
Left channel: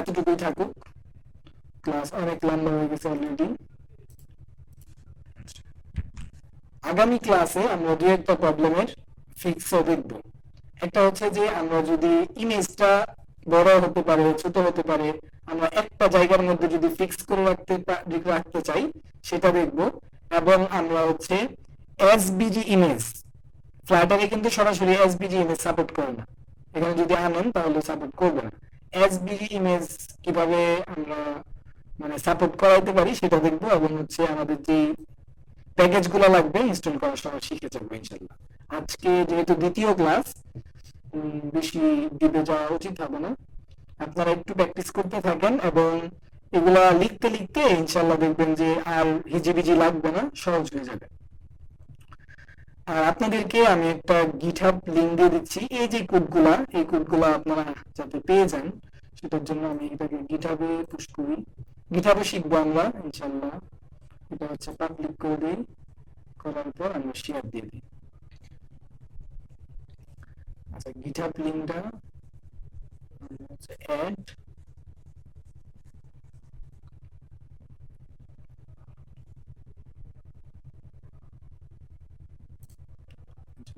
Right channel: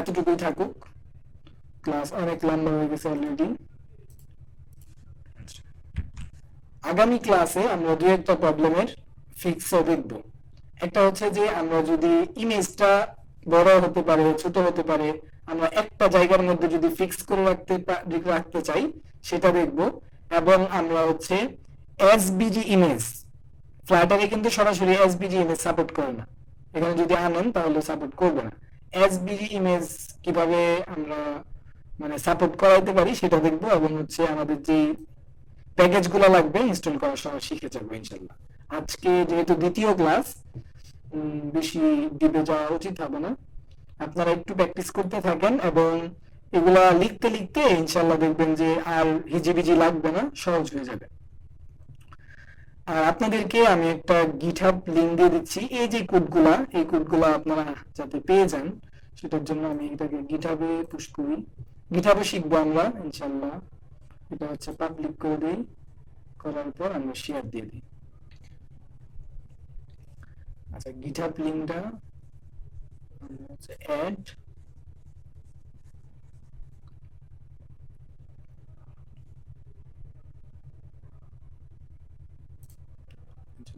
এতটুকুই থাকুক, ক্লাস অনেক লম্বা হয়ে গেছে অলরেডি। আগামী ক্লাসে আমরা দু একটা প্রবলেমের ফিক্সও দেখব। একটা হচ্ছে যে আমরা যদি ইমেজটা বড় হতে পারে, ছোট হতে পারে, আমরা একটা জায়গার মধ্যে যদি ফিক্স করে রাখতে চাই সেটা দেখব। এবং আমরা হচ্ছে এসবিজি ইমেজ, ফ্লাটারে কিন্তু সরাসরি এসবিজি ইমেজ সাপোর্ট করে না, এখানে যদি আনেন তাহলে সাপোর্ট করবে না। এসবিজি ইমেজ কিভাবে আমরা মানে সাপোর্ট করাইতে পারি সেটা দেখবো, এবং হচ্ছে আমাদের যে প্যাকেজ গুলো লাগবে ইনস্টল করার সময় শিখে যাবো ইনশাল্লাহ। আজকে যেহেতু দ্বিতীয় ক্লাস, বেশি ডিপে যাওয়া উচিত হবে না, আপনারা একটু প্র্যাকটিস করতে থাকেন, এবং এগুলা লিখতে লিখতে ইনশাল্লাহ দেখবেন যে আর হিজিবিজি লাগবে না, সহজ হয়ে যাবে। আর আপনাদেরকে আমি একটা গিটহাব লিংক দিয়ে দিচ্ছি, এই যে কোডগুলা, এই কোডগুলা আপনারা যাতে পেয়ে যান সেটার জন্য আমি এটাকে গিটহাবে পুশ করি। গিটহাবে শিখবো আমরা ইনশাল্লাহ। এটা হচ্ছে পাবলিক করে দিই, করার পর আমরা শেয়ার দিয়ে দিই। আচ্ছা, গিটহাব লিংকটা হচ্ছে অ্যাড,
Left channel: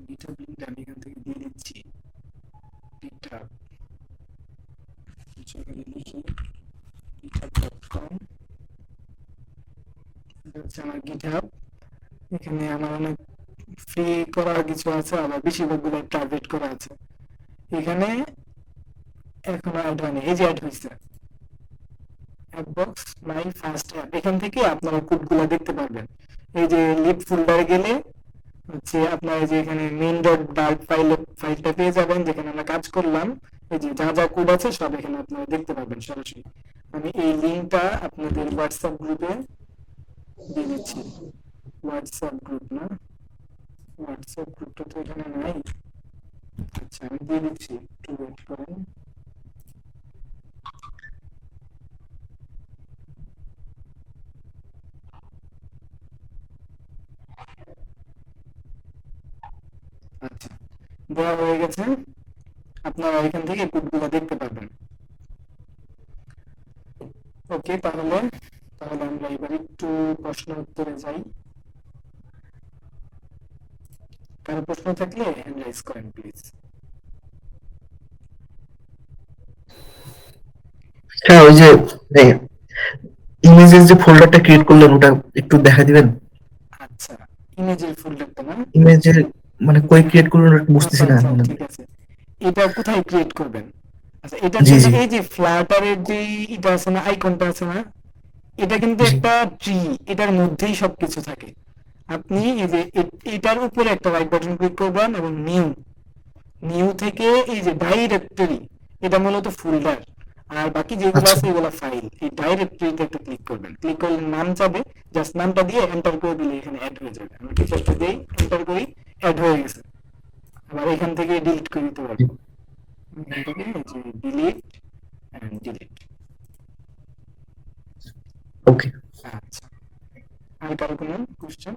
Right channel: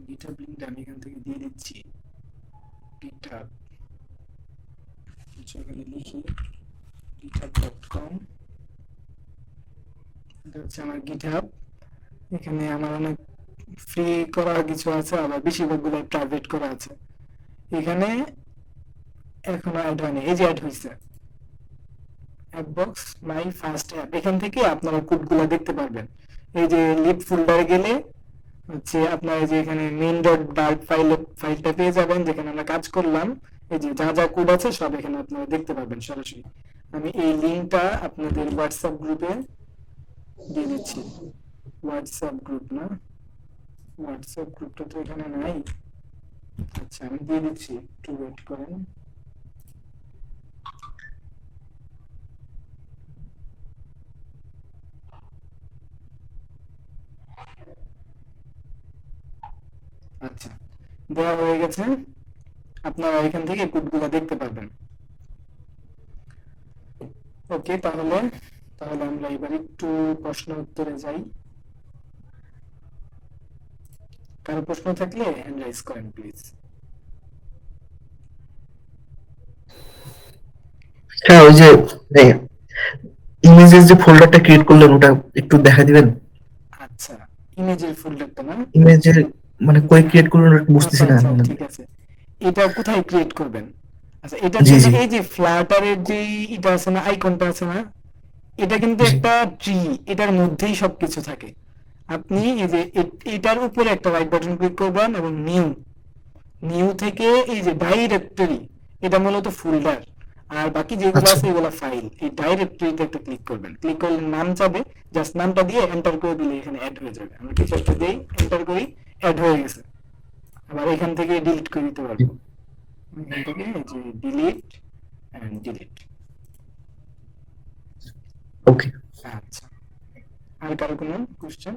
গিটহাব লিংকটা আমি এখান থেকে দিয়ে দিচ্ছি। গিটহাব লিখি github.com, এটা হচ্ছে আমার গিটহাব। এখানে আমার অনেক ফ্রি করা কিছু আছে, আবার বেশিরভাগগুলো প্রাইভেট করা আছে। এখানে এখনো অ্যাড হয়নি, এই যে অ্যাড হয়েছে অ্যাপবক্স মাই ফার্স্ট অ্যাপ, এখান থেকে আপনারা কোডগুলো দেখতে পারবেন। এই যে লিড ফোল্ডারে গেলে হচ্ছে আপনারা যে এখানে মেইন ডট ডার্ক ফাইলটা পেয়ে যাবেন, যেখানে আমরা কাজ করলাম। এই যে যা যা কোড আছে সব এখানে আপনারা দেখতে পারবেন সরাসরি। আমি এই লিঙ্কটা আপনাদের হোয়াটসঅ্যাপ গ্রুপে দিয়ে দিচ্ছি। হোয়াটসঅ্যাপ গ্রুপ না, হোয়াটসঅ্যাপ গ্রুপটা তো এখানে নাই। আচ্ছা, আমি দিয়ে দিচ্ছি, একটু ওয়েট করেন। আচ্ছা, দেওয়া হয়ে গেছে, আপনারা এখান থেকে কোডগুলো দেখতে পারবেন। ওকে, তাহলে তাহলে আমরা এবার একটু প্রশ্ন উত্তরে যাই। কারো প্রশ্ন থাকলে হ্যান্ড রাইজ করেন প্লিজ। হ্যাঁ, ওই যে ইমেজের যে ফোল্ডারটা ক্রিয়েট করলেন ওটা একটু দেখা দিবেন। আচ্ছা, ইমেজের ফোল্ডারটা না? ইমেজের মানে কই ক্রিয়েট করলেন ওটা একটু আচ্ছা বুঝতেছি না আচ্ছা, মানে। ঠিক আছে। এটা কোথায় ক্রিয়েট করবেন? আচ্ছা, এটার জি জন্য জি এই যে ফ্লাটারের যে এটা আছে না, আইকনটা আছে না, এটা কিন্তু জি। একটা ট্রি, এটার মধ্যেই সবকিছু থাকে। আপনি এই যে এটার উপরে একটা রাইট বাটন ক্লিক করবেন, এবং নিউ, নিউ থেকে এই যে ডাইরেক্টরি, এটা মূলত ফোল্ডার, আর বাকি যেগুলো আচ্ছা আছে এগুলো ফাইল। এই ডাইরেক্টরিতে একটা ক্লিক করবেন, ক্লিক করলে নাম চাবে, জাস্ট নামটা দিয়ে এন্টার করে দিলে এখানে অ্যাড হয়ে যাবে। আমরা কিছু একটা দিই, এন্টার করি, অ্যাড হয়ে গেছে। আবার এখান থেকে ডিলিট করে দিতে পারবো, এখান থেকে যে ডিলিট এন্ড ডিলিট। ওকে। আচ্ছা, আর কারো কোনো কোশ্চেন?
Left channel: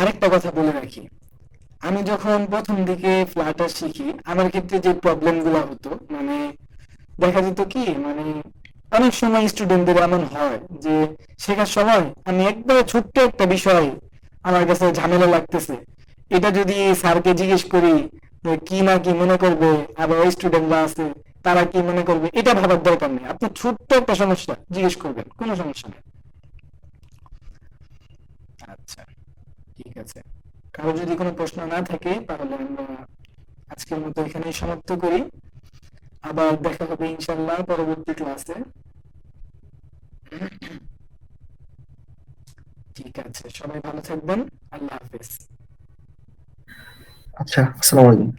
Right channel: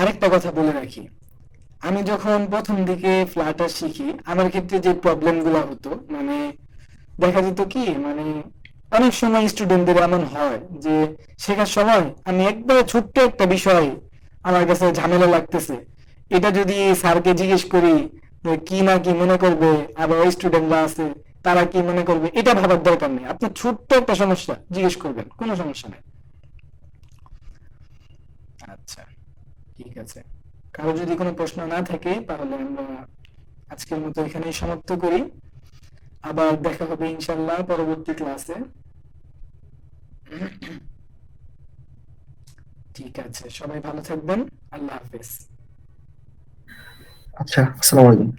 আরেকটা কথা বলে রাখি, আমি যখন প্রথম দিকে ফ্লাটার শিখি, আমার ক্ষেত্রে যে প্রবলেম গুলো হতো, মানে দেখা যেত কি, মানে অনেক সময় স্টুডেন্টদের এমন হয় যে শেখার সময় আমি একবারে ছোট্ট একটা বিষয় আমার কাছে ঝামেলা লাগতেছে, এটা যদি স্যারকে জিজ্ঞেস করি কি না কি মনে করবে, আবার ওই স্টুডেন্টরা আছে তারা কি মনে করবে, এটা ভাবার দরকার নেই। আপনি ছোট্ট একটা সমস্যা জিজ্ঞেস করবেন, কোনো সমস্যা নেই। আচ্ছা, ঠিক আছে। কারো যদি কোনো প্রশ্ন না থাকে তাহলে আমরা আজকের মতো এখানেই সমাপ্ত করি। আবার দেখা হবে ইনশাল্লাহ পরবর্তী ক্লাসে। ঠিক আছে, সবাই ভালো থাকবেন। আল্লাহ হাফেজ। আচ্ছা, আসসালামু আলাইকুম।